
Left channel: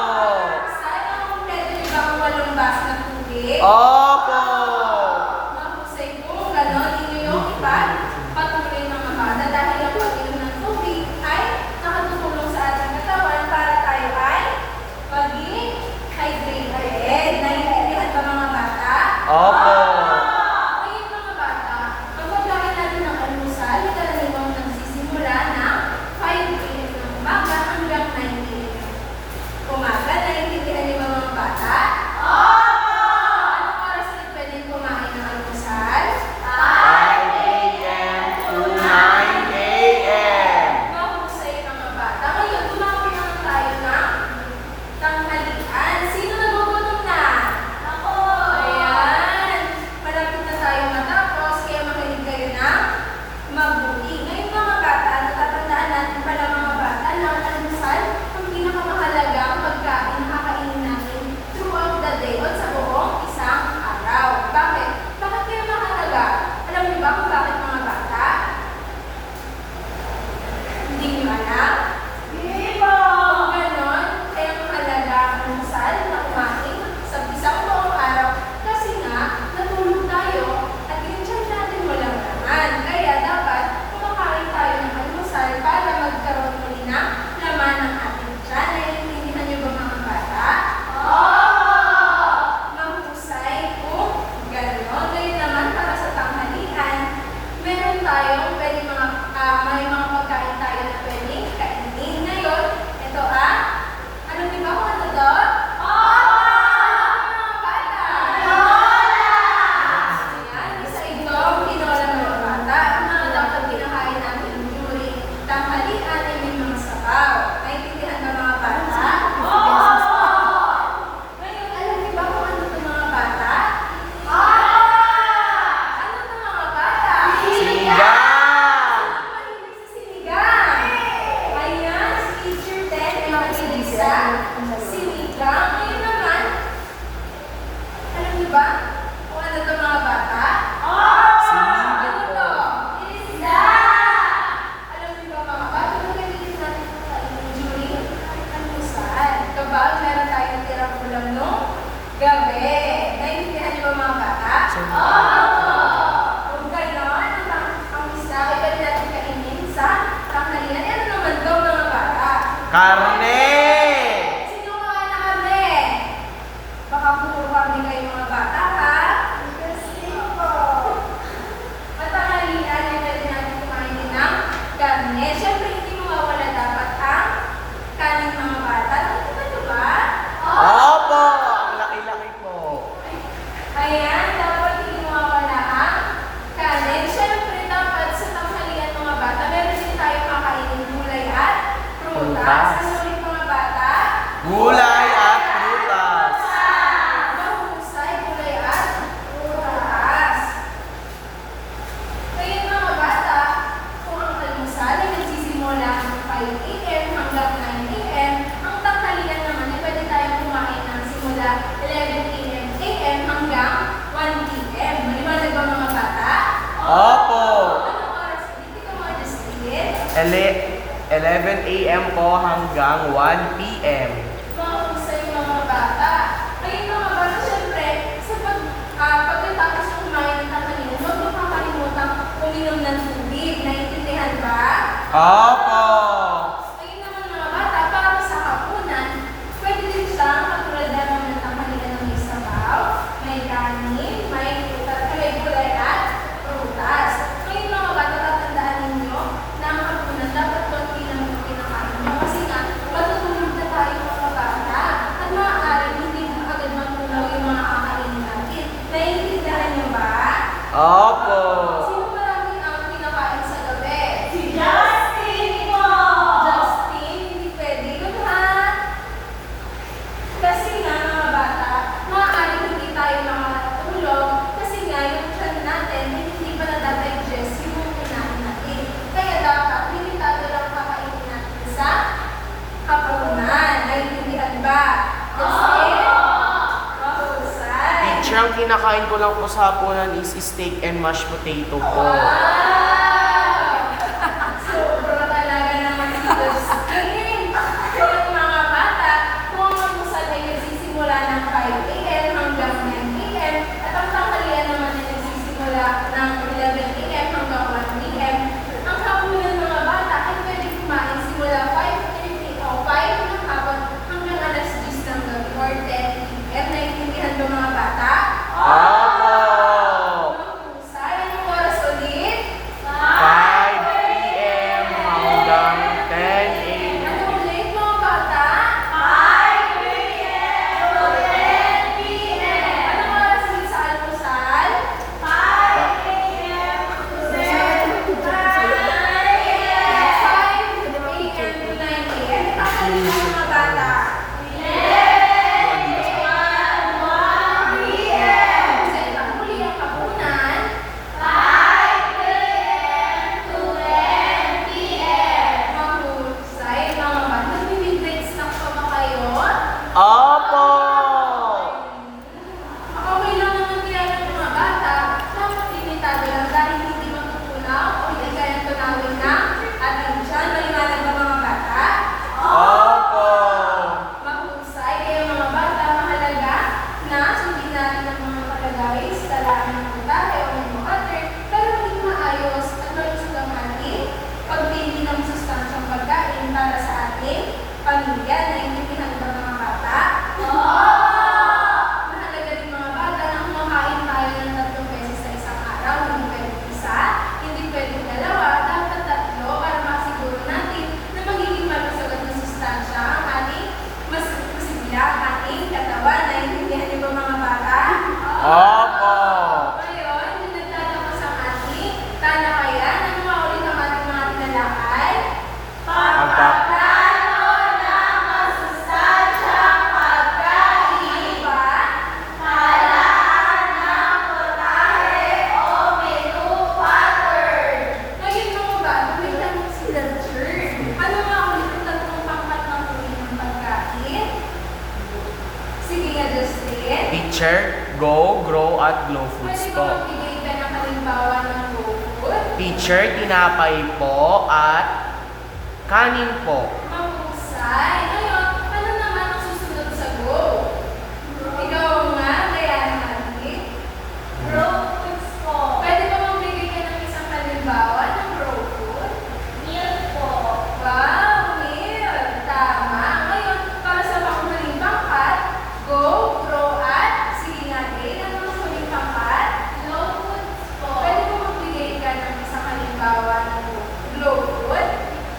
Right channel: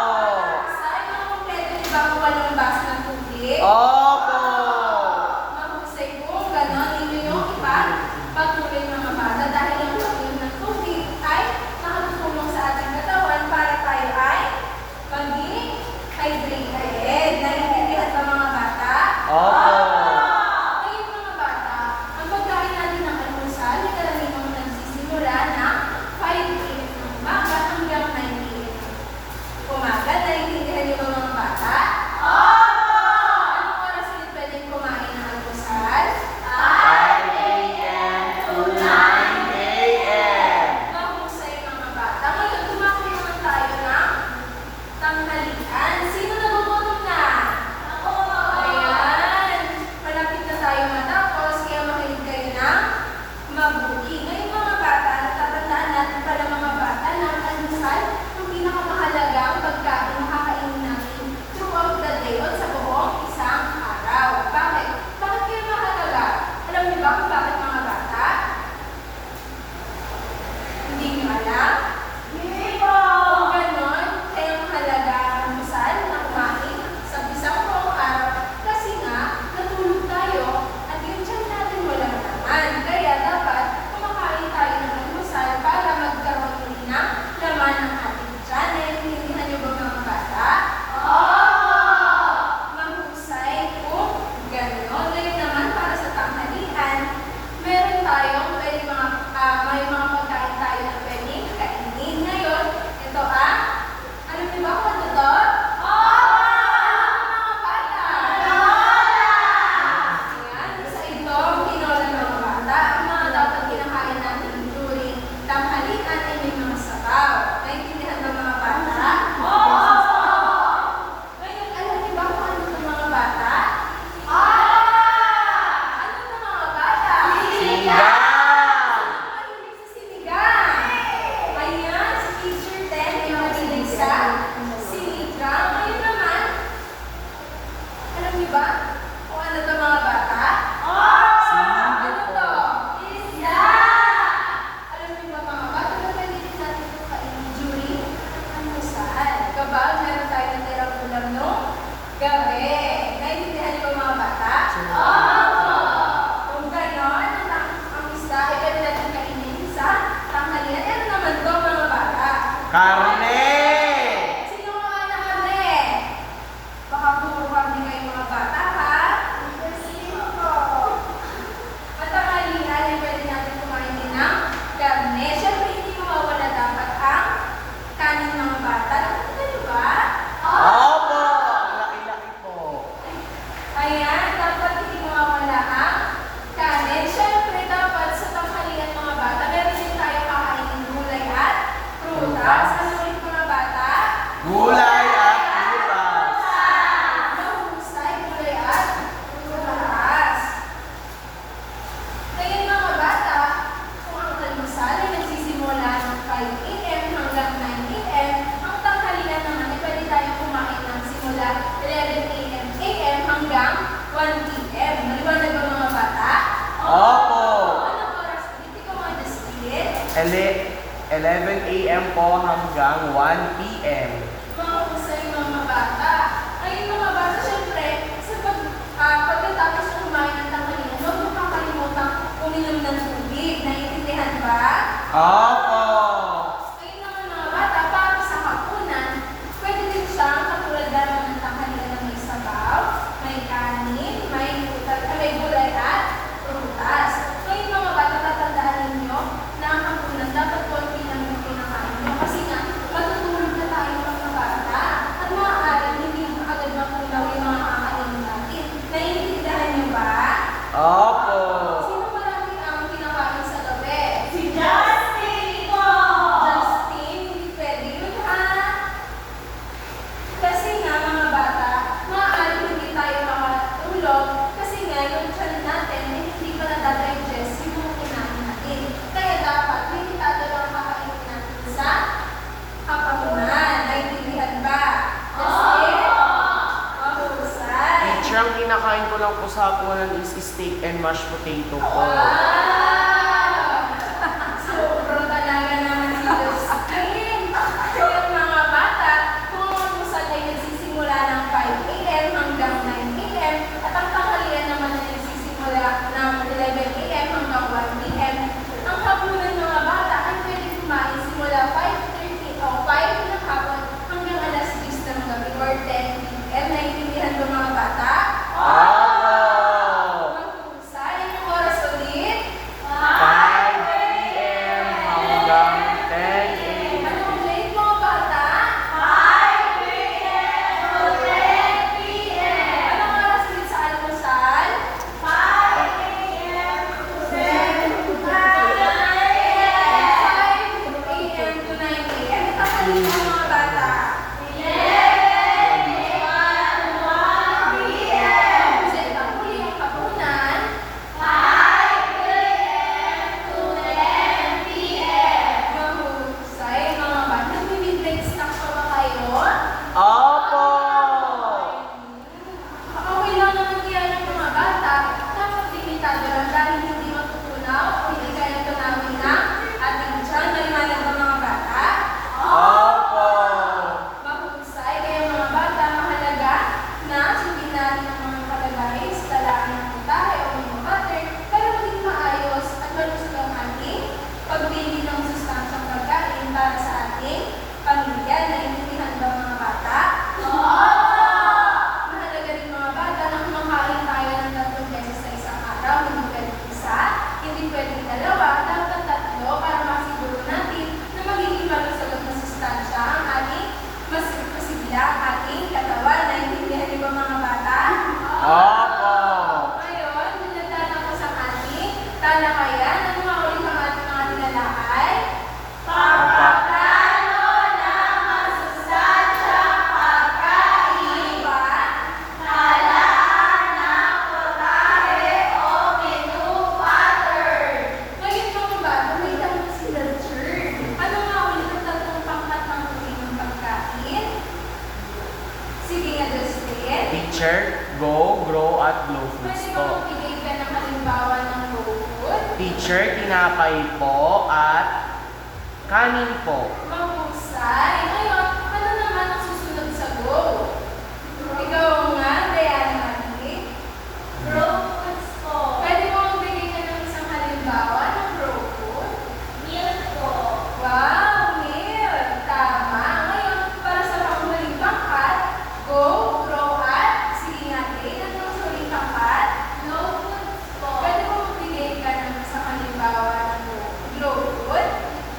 Sana kumpleto niyo ba ang 8 baso ng tubig? Opo! Mahusay kung gano'n ninyo yung ipagpatuloy mga bata dahil ang pag-inom ng tubig ay nakatutulong sa ating katawan para tayo ay maging hydrated. Naiintindihan ba mga bata? Opo! Ngayon mga bata, ang pagkain natin ng almusal ay karaniwang nagsisimula ng 5 a.m. ng umaga hanggang 9 a.m. ng umaga. Naiintindihan niyo ba mga bata? Anong oras ulit pwedeng kumain ng almusal? 5 a.m. to 9 a.m. Mahusay mga bata. Ngayon, tumakbo naman tayo ng tanghalian. Sino nagugutom na? Ako! Ayan. Malapit na tayo matapos, kaya makinig kayo ng mabuti. Ngayon mga bata, natatandaan natin pala mga bata na ang almusal ang pinakamahalagang pagkain na kakainin natin throughout the day o sa buong isang araw. Bakit? Bakit kaya mahalaga? Alam niyo ba kung bakit mga bata? Hindi niyo alam? Kung ganon, kaya mahalaga ang almusal na kumain sa isang buong araw kasi nga, natulog tayo at yung tiyan natin walang laman. Kaya dapat kumakain tayo ng almusal para magkaroon muli ng laman ng ating tiyan. Naiintindihan niyo ba mga bata? Mahusay kung ganon. Ngayon naman, para sa tanghalian, meron tayong pwede may mga pagkain tayo na pwedeng kainin. Ngayon, ito alam niyo ba kung ano to? Ano mga bata? Ayan, isa itong tinola mga bata. Ang mga dapat kinakain natin during tanghalian ay may mga sabaw. Naintindihan ba mga bata? Ngayon, alam niyo ba kung ano to mga bata? Ano to mga bata? Sinigang! Sino mahilig sa sinigang? Ayan, si Teacher Ted ay mahilig sa sinigang. Ngayon naman, alam niyo ba kung ano to mga bata? Ano to? Isda! Alam niyo ba mga bata, ano pwede rin natin ito kainin during almusal? Kapag meron tayo natirang ulam nung gabi. Naiintindihan niyo ba mga bata? Kung gano'n, ang isda ay pwede natin kainin sa tanghalian. Ano naman to mga bata? Karne! Sino mga na kami? Baka puro kami kayo mga bata, ha? Sino po? Matanghalian ay pwede natin kumain din ng karne. Siyempre, hindi mawawala dapat ang kanin mga bata. Nakikita niyo ba? Opo! Ang laki-laki po. Ayan, dapat hindi mawawala ang kanin. Siyempre, dapat sa tanghalian mga bata, meron din tayo kakainin gulay at prutas. Prutas. Ano ulit mga bata? Gulay at prutas. Mahusay, gulay at prutas. Ngayon mga bata, kung ang almusal ay nagsisimula ng 5 a.m. hanggang 9 a.m., ang tanghalian naman ay pwede tayong kumain ng simula 11 a.m. hanggang 1 p.m. Maliwanag ba mga bata? Opo! Anong oras ulit? Ikaw mga Justin? 11 a.m. po hanggang 1 p.m. Mahusay mga bata. Ngayon mga bata, syempre, pagkatapos ng kumain ng tanghalian, huwag niyo kakalimutan uminom ng tubig. Naiintindihan ba? Opo! Ngayon naman mga bata, para sa hapunan, pwede din siyang katulad naman ng tanghalian na may sabaw, may kanin, may gulay at prutas. Teacher, ang kinakain ko lang po sa hapunan is steak and mashed potato po. Wow! Sobra talaga naman si Justin. Yung mga bata, kung ang almusal ay nagsisimula ng 5 a.m. hanggang 9 a.m. at ang tanghalian naman ay nagsisimula ng 11 a.m. hanggang 1 p.m. Ang hapunan ng mga bata ay pwede kumain simula 5:30 o 5 ng hapon hanggang alas 10 ng gabi or 10 p.m. Naiintindihan ba mga bata? Opo! Mahusay. Anong oras ulit? 5 p.m. hanggang 10 a.m. Anong late mga bata? 5 a.m. to 10 p.m. Anong oras ulit sa almusal? 5 a.m. to 7 5 a.m. to 9 a.m. Ipakalitan ng mga bata. 1 p.m. Sa ibang huli ang hapunan, 5 a.m. to 10 p.m. mahusay mga bata. Nag-midnight snack pa ba kayo? Opo! Okay lang naman kaya ng mga bata. Dapat limitado lang dahil hindi matutunaw o hindi kaya tunawin ng ating tiyan. Maliwanag ba mga bata? Opo! Mahusay, kaya mga bata, mahalaga na sundin natin ang mga nakalagay sa talaan ng putahe o menu cutter para maging maayos at malusog ang ating pagbili ng sustansyang pagkain para sa ating pamilya. Naiintindihan ba mga bata? Mahalaga rin mga bata na kumakain tayo ng 3 beses sa isang araw. Hindi pwedeng isa, hindi pwedeng dalawa, dapat 3 para masiguro natin na magiging malusog at masustansya ang ating masigla ang ating katawan. Naiintindihan niyo ba mga bata? Opo! Ngayon, dinadalakas ang ating talakayan. Ano nga ulit ang ating mga tinalakay? Pagpaplano ng masustansyang pagkain. Ano ba? Talaan ng putahe o menu pattern. Ngayon mga bata, may tanong sila, teacher. Ano nga ulit ang 3 pangkat ng uri ng pagkain? Sige nga, Justin. Teacher, go, grow, at glow foods Pwede ba po. magbigay ka ng halimbawa ng raw food? Teacher, tinapay po at kanin po. Mahusay. Ngayon, ano naman ang susunod sa go? Ikaw nga, Diana Marie. Raw foods po. Pwede ba magbigay ka ng isang halimbawa ng raw food? Meal po. Wow, meal! Tama. Ngayon, para sa panghuling pangkat, go, grow, at sige nga din, ano ang huling pangkat? Low foods po. Pwede ba magbigay ka ng isang halimbawa ng glow food?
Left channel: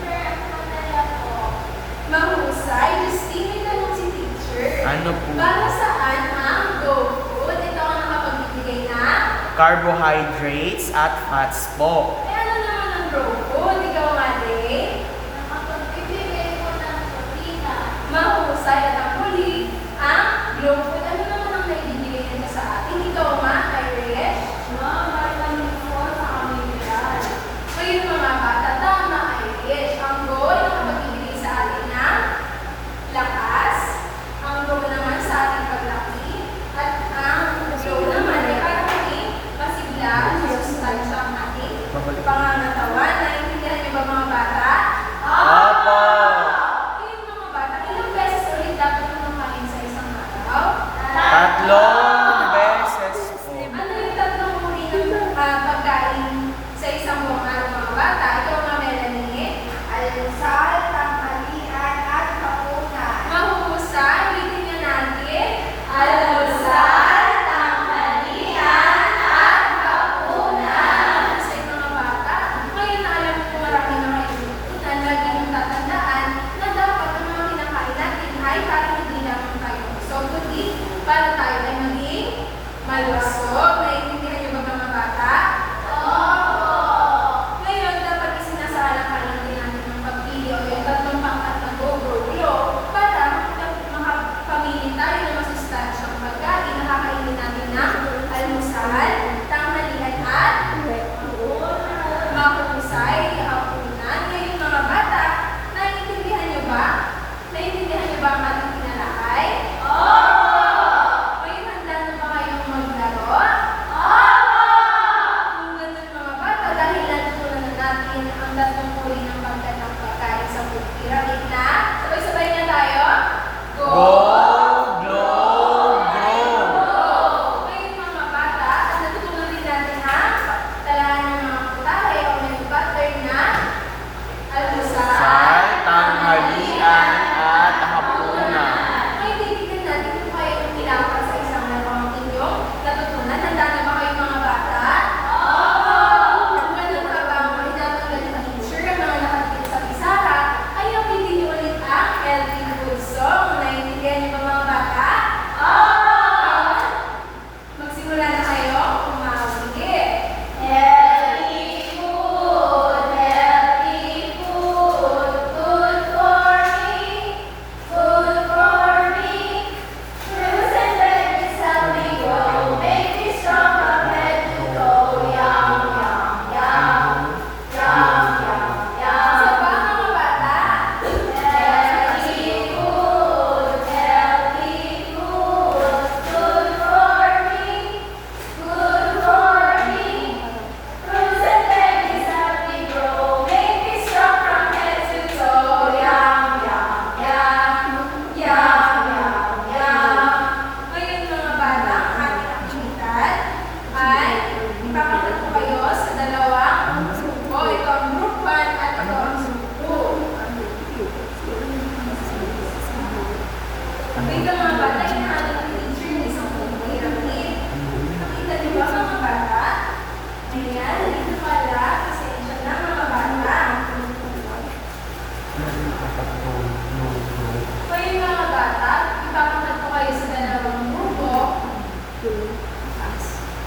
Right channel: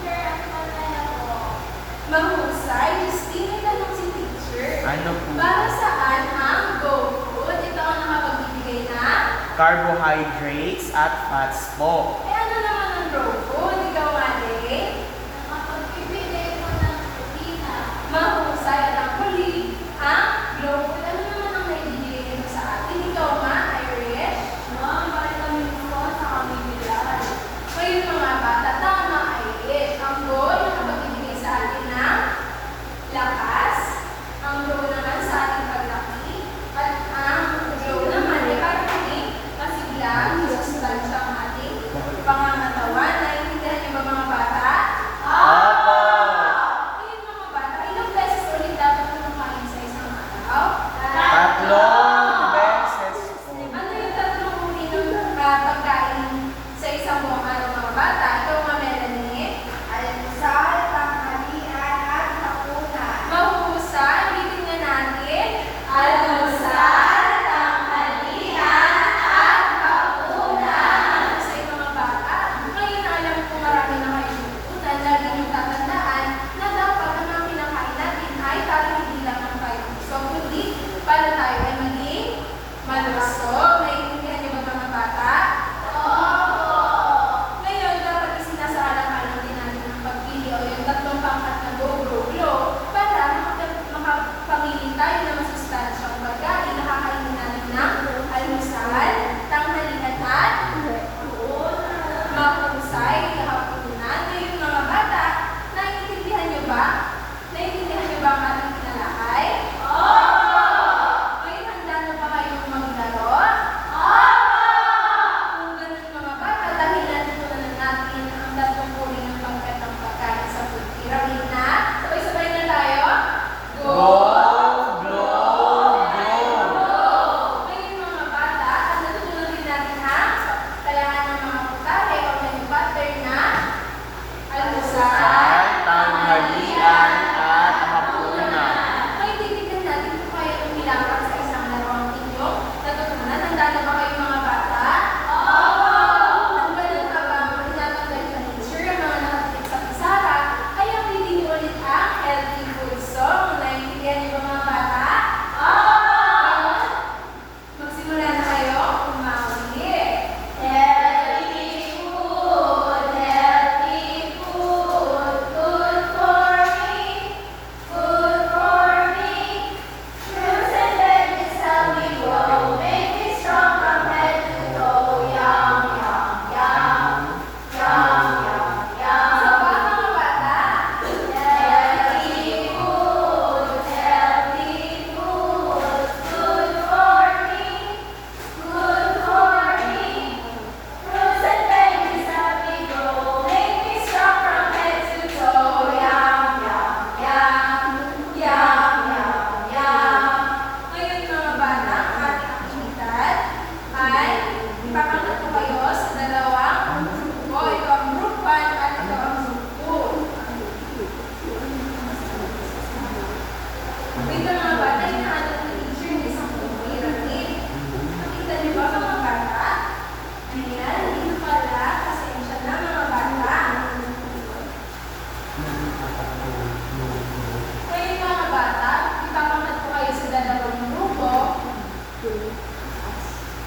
Teacher, ang mamaya po. Mahusay. Justine, may tanong si teacher. Ano po? Para saan ang go food? Ito ang nakapagbibigay ng? Carbohydrates at fats po. Eh ano naman ang raw food? Ikaw nga din. Nakapagbibigay po ng protina. Mahusay at ang huli, ang glow food. Ano naman ang naibibigay nito sa atin? Ikaw nga, Irish. Ma'am, maraming po sa aming bilan. Ngayon mga bata, tama Irish. Ang go ay nakapagbibigay sa atin ng lakas. Ang grow naman sa ating paglaki. At ang glow naman ay para maging masigla at masustansya ang ating pangangatawan. Naiintindihan niyo ba mga bata? Opo! Ngayon mga bata, ilang beses ulit dapat kumakain sa isang araw? 3 beses po. Ano yung 3 uri ng pagkain sa isang buong araw mga bata? Ikaw nga, Melanie. Almusal, tanghalian, at hapunan. Mahusay, ulitin nga natin. Almusal, tanghalian, at hapunan. Sa mga bata, ngayon na alam ko marami na kayo natutunan, lagi niyong tatandaan na dapat ang mga kinakain natin ay para hindi lamang tayo busog, kundi para tayo ay maging malusog. Naiintindihan niyo ba mga bata? Ngayon, dapat isinasaalang-alang din natin ang pagpili o yung 3 pangkat ng go, grow, glow para makapamili tayo ng masustansyang pagkain na kakainin natin ng almusal, tanghalian at mahusay, hapunan. Ngayon mga bata, naiintindihan niyo ba? Naiintindihan niyo ba ang ating tinalakay? Ngayon, handa na ba kayong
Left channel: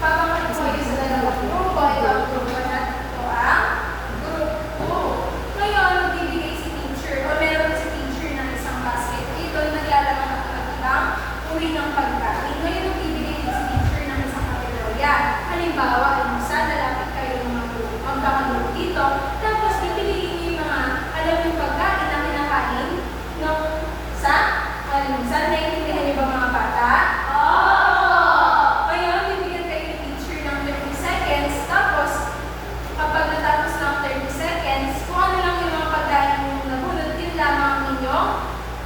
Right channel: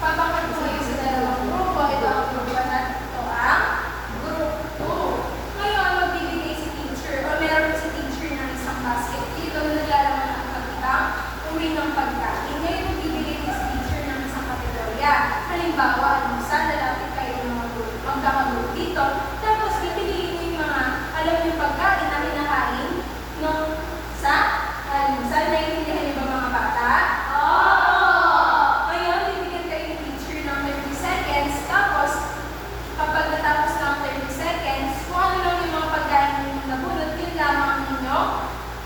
Papakot ko kayo sa dalawang grupo. Ito ang group 1 at ito ang group 2. Ngayon, magbibigay si teacher o meron si teacher ng isang basket. Ito yung naglalaman ng iba't uri ng pagkain. Ngayon, magbibigay din si teacher ng isang kategorya. Halimbawa, almusal, lalapit kayo ng mga group. Magkakagroup dito. Tapos, pipiliin niyo yung mga alam yung pagkain na kinakain nung sa almusal. Naiintindihan niyo ba mga bata? Ngayon, bibigyan kayo ni teacher ng 30 seconds. Tapos, kapag natapos ng 30 seconds, kung ano lang yung mga pagkain yung nabunod, yun lamang ang inyo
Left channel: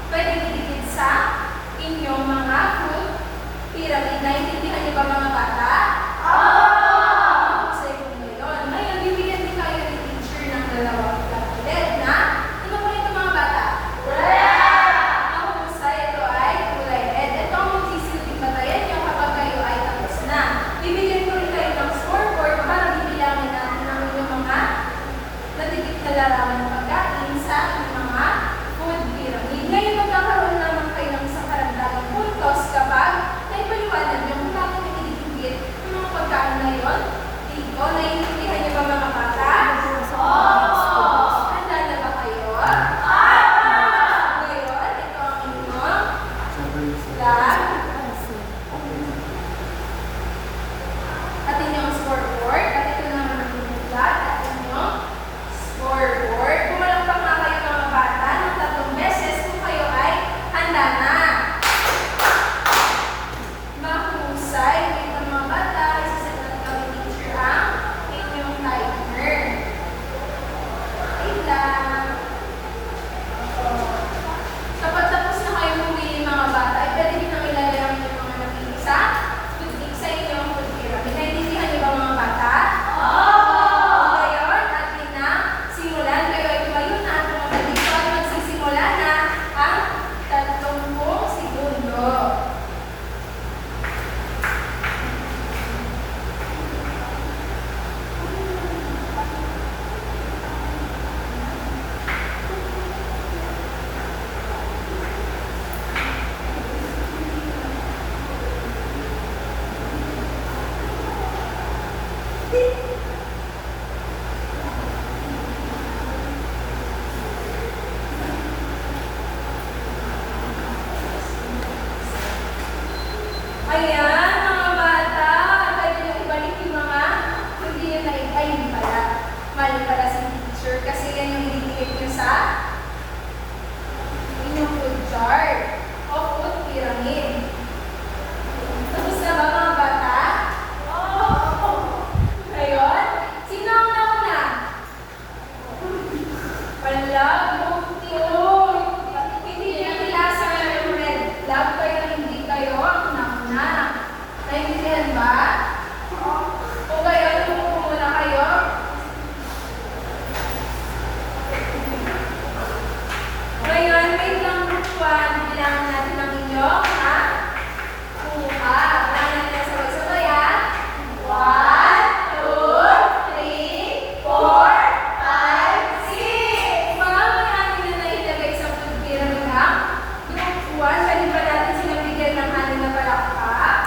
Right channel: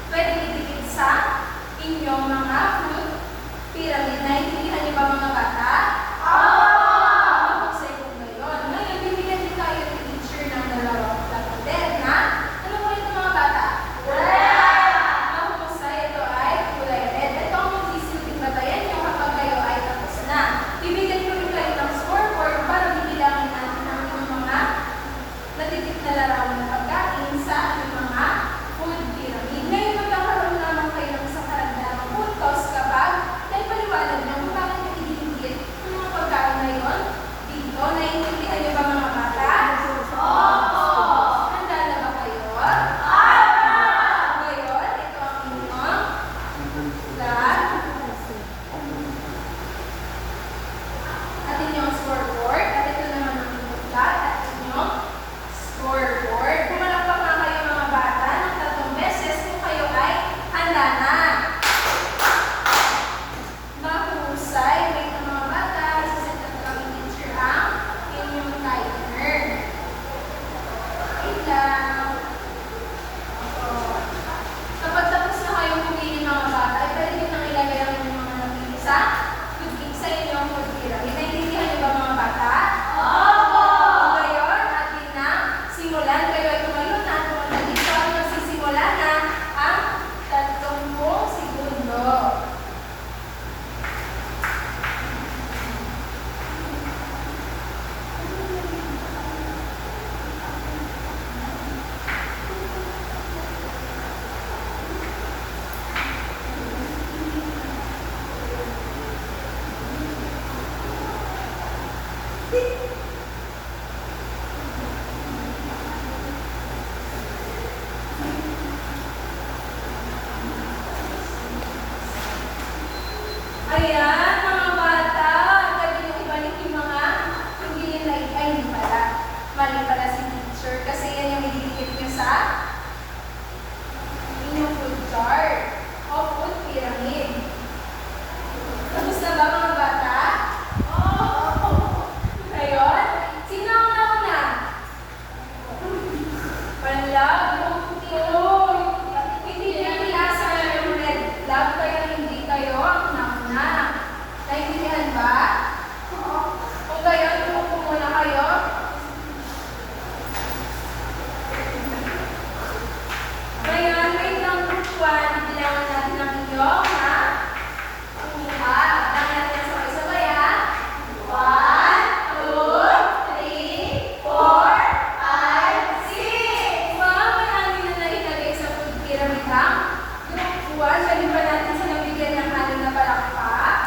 pwede idikit sa inyong mga fruit pyramid. Naiintindihan niyo ba mga bata? Sa ikong ngayon. Ngayon, bibigyan din kayo ni teacher ng dalawang lapad na ano po ito mga bata? Ang husay, ito ay kulay red. Ito ang magsisilbing batayan niyo kapag kayo ay tapos na. Bibigyan ko rin kayo ng scoreboard para bibilangin natin ang inyong mga natitip na larawan ng pagkain sa mga food pyramid. Ngayon, magkakaroon naman kayo ng isang karagdagang puntos kapag naipaliwanag niyo kung bakit niyo ididikit ang mga pagkain na yun dito. Naiintindihan niyo ba mga bata? Handa na ba kayo? Ngayon, ito ang inyong flag at inyong scoreboard. At ito naman ang inyong flag at inyong scoreboard. Pumalakpak nga kayo mga bata ng 3 beses kung kayo ay handa na. Mahusay. Wait ang mga bata. Isaset up lang yung teacher ang inyong timer. Wait lang. Kapag tapos na kayong pumili mga bata, ay pwede nyo nang ilagay ang inyong mga napili sa inyong food pyramid. Naintindihan niyo ba mga bata? Ngayon, atin na simulan. Kayo ay tumayo na at pumunta dito at magsisimula na ang 30 segundo. Ayan, mga bata, pwede nyo ibalik yung mga hindi nyo na ay hindi pala. Mali pala si teacher kasi yan yung ididikit nyo sa inyong food chart o food pyramid. Tapos na ba mga bata? Ngayon, sino ang nauna? Wala, group 2. Hindi nyo nilasa na yung red flag kaya hindi kayo ang nauna. Naintindihan ba? O kayo, tumupo muna kayo. Ngayon, wait lang group 1. Bilangan natin ang inyong kuha. Bilangan natin sabay-sabay ha. 1, 2, 3, 4, 5, 6. Wow, marami na nailagay sa food pyramid ha. Group 1, pwede ba natin silang bigyan ng ano na palakpak?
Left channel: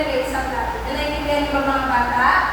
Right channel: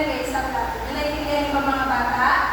ilagay sa plato. Naintindihan niyo ba mga bata?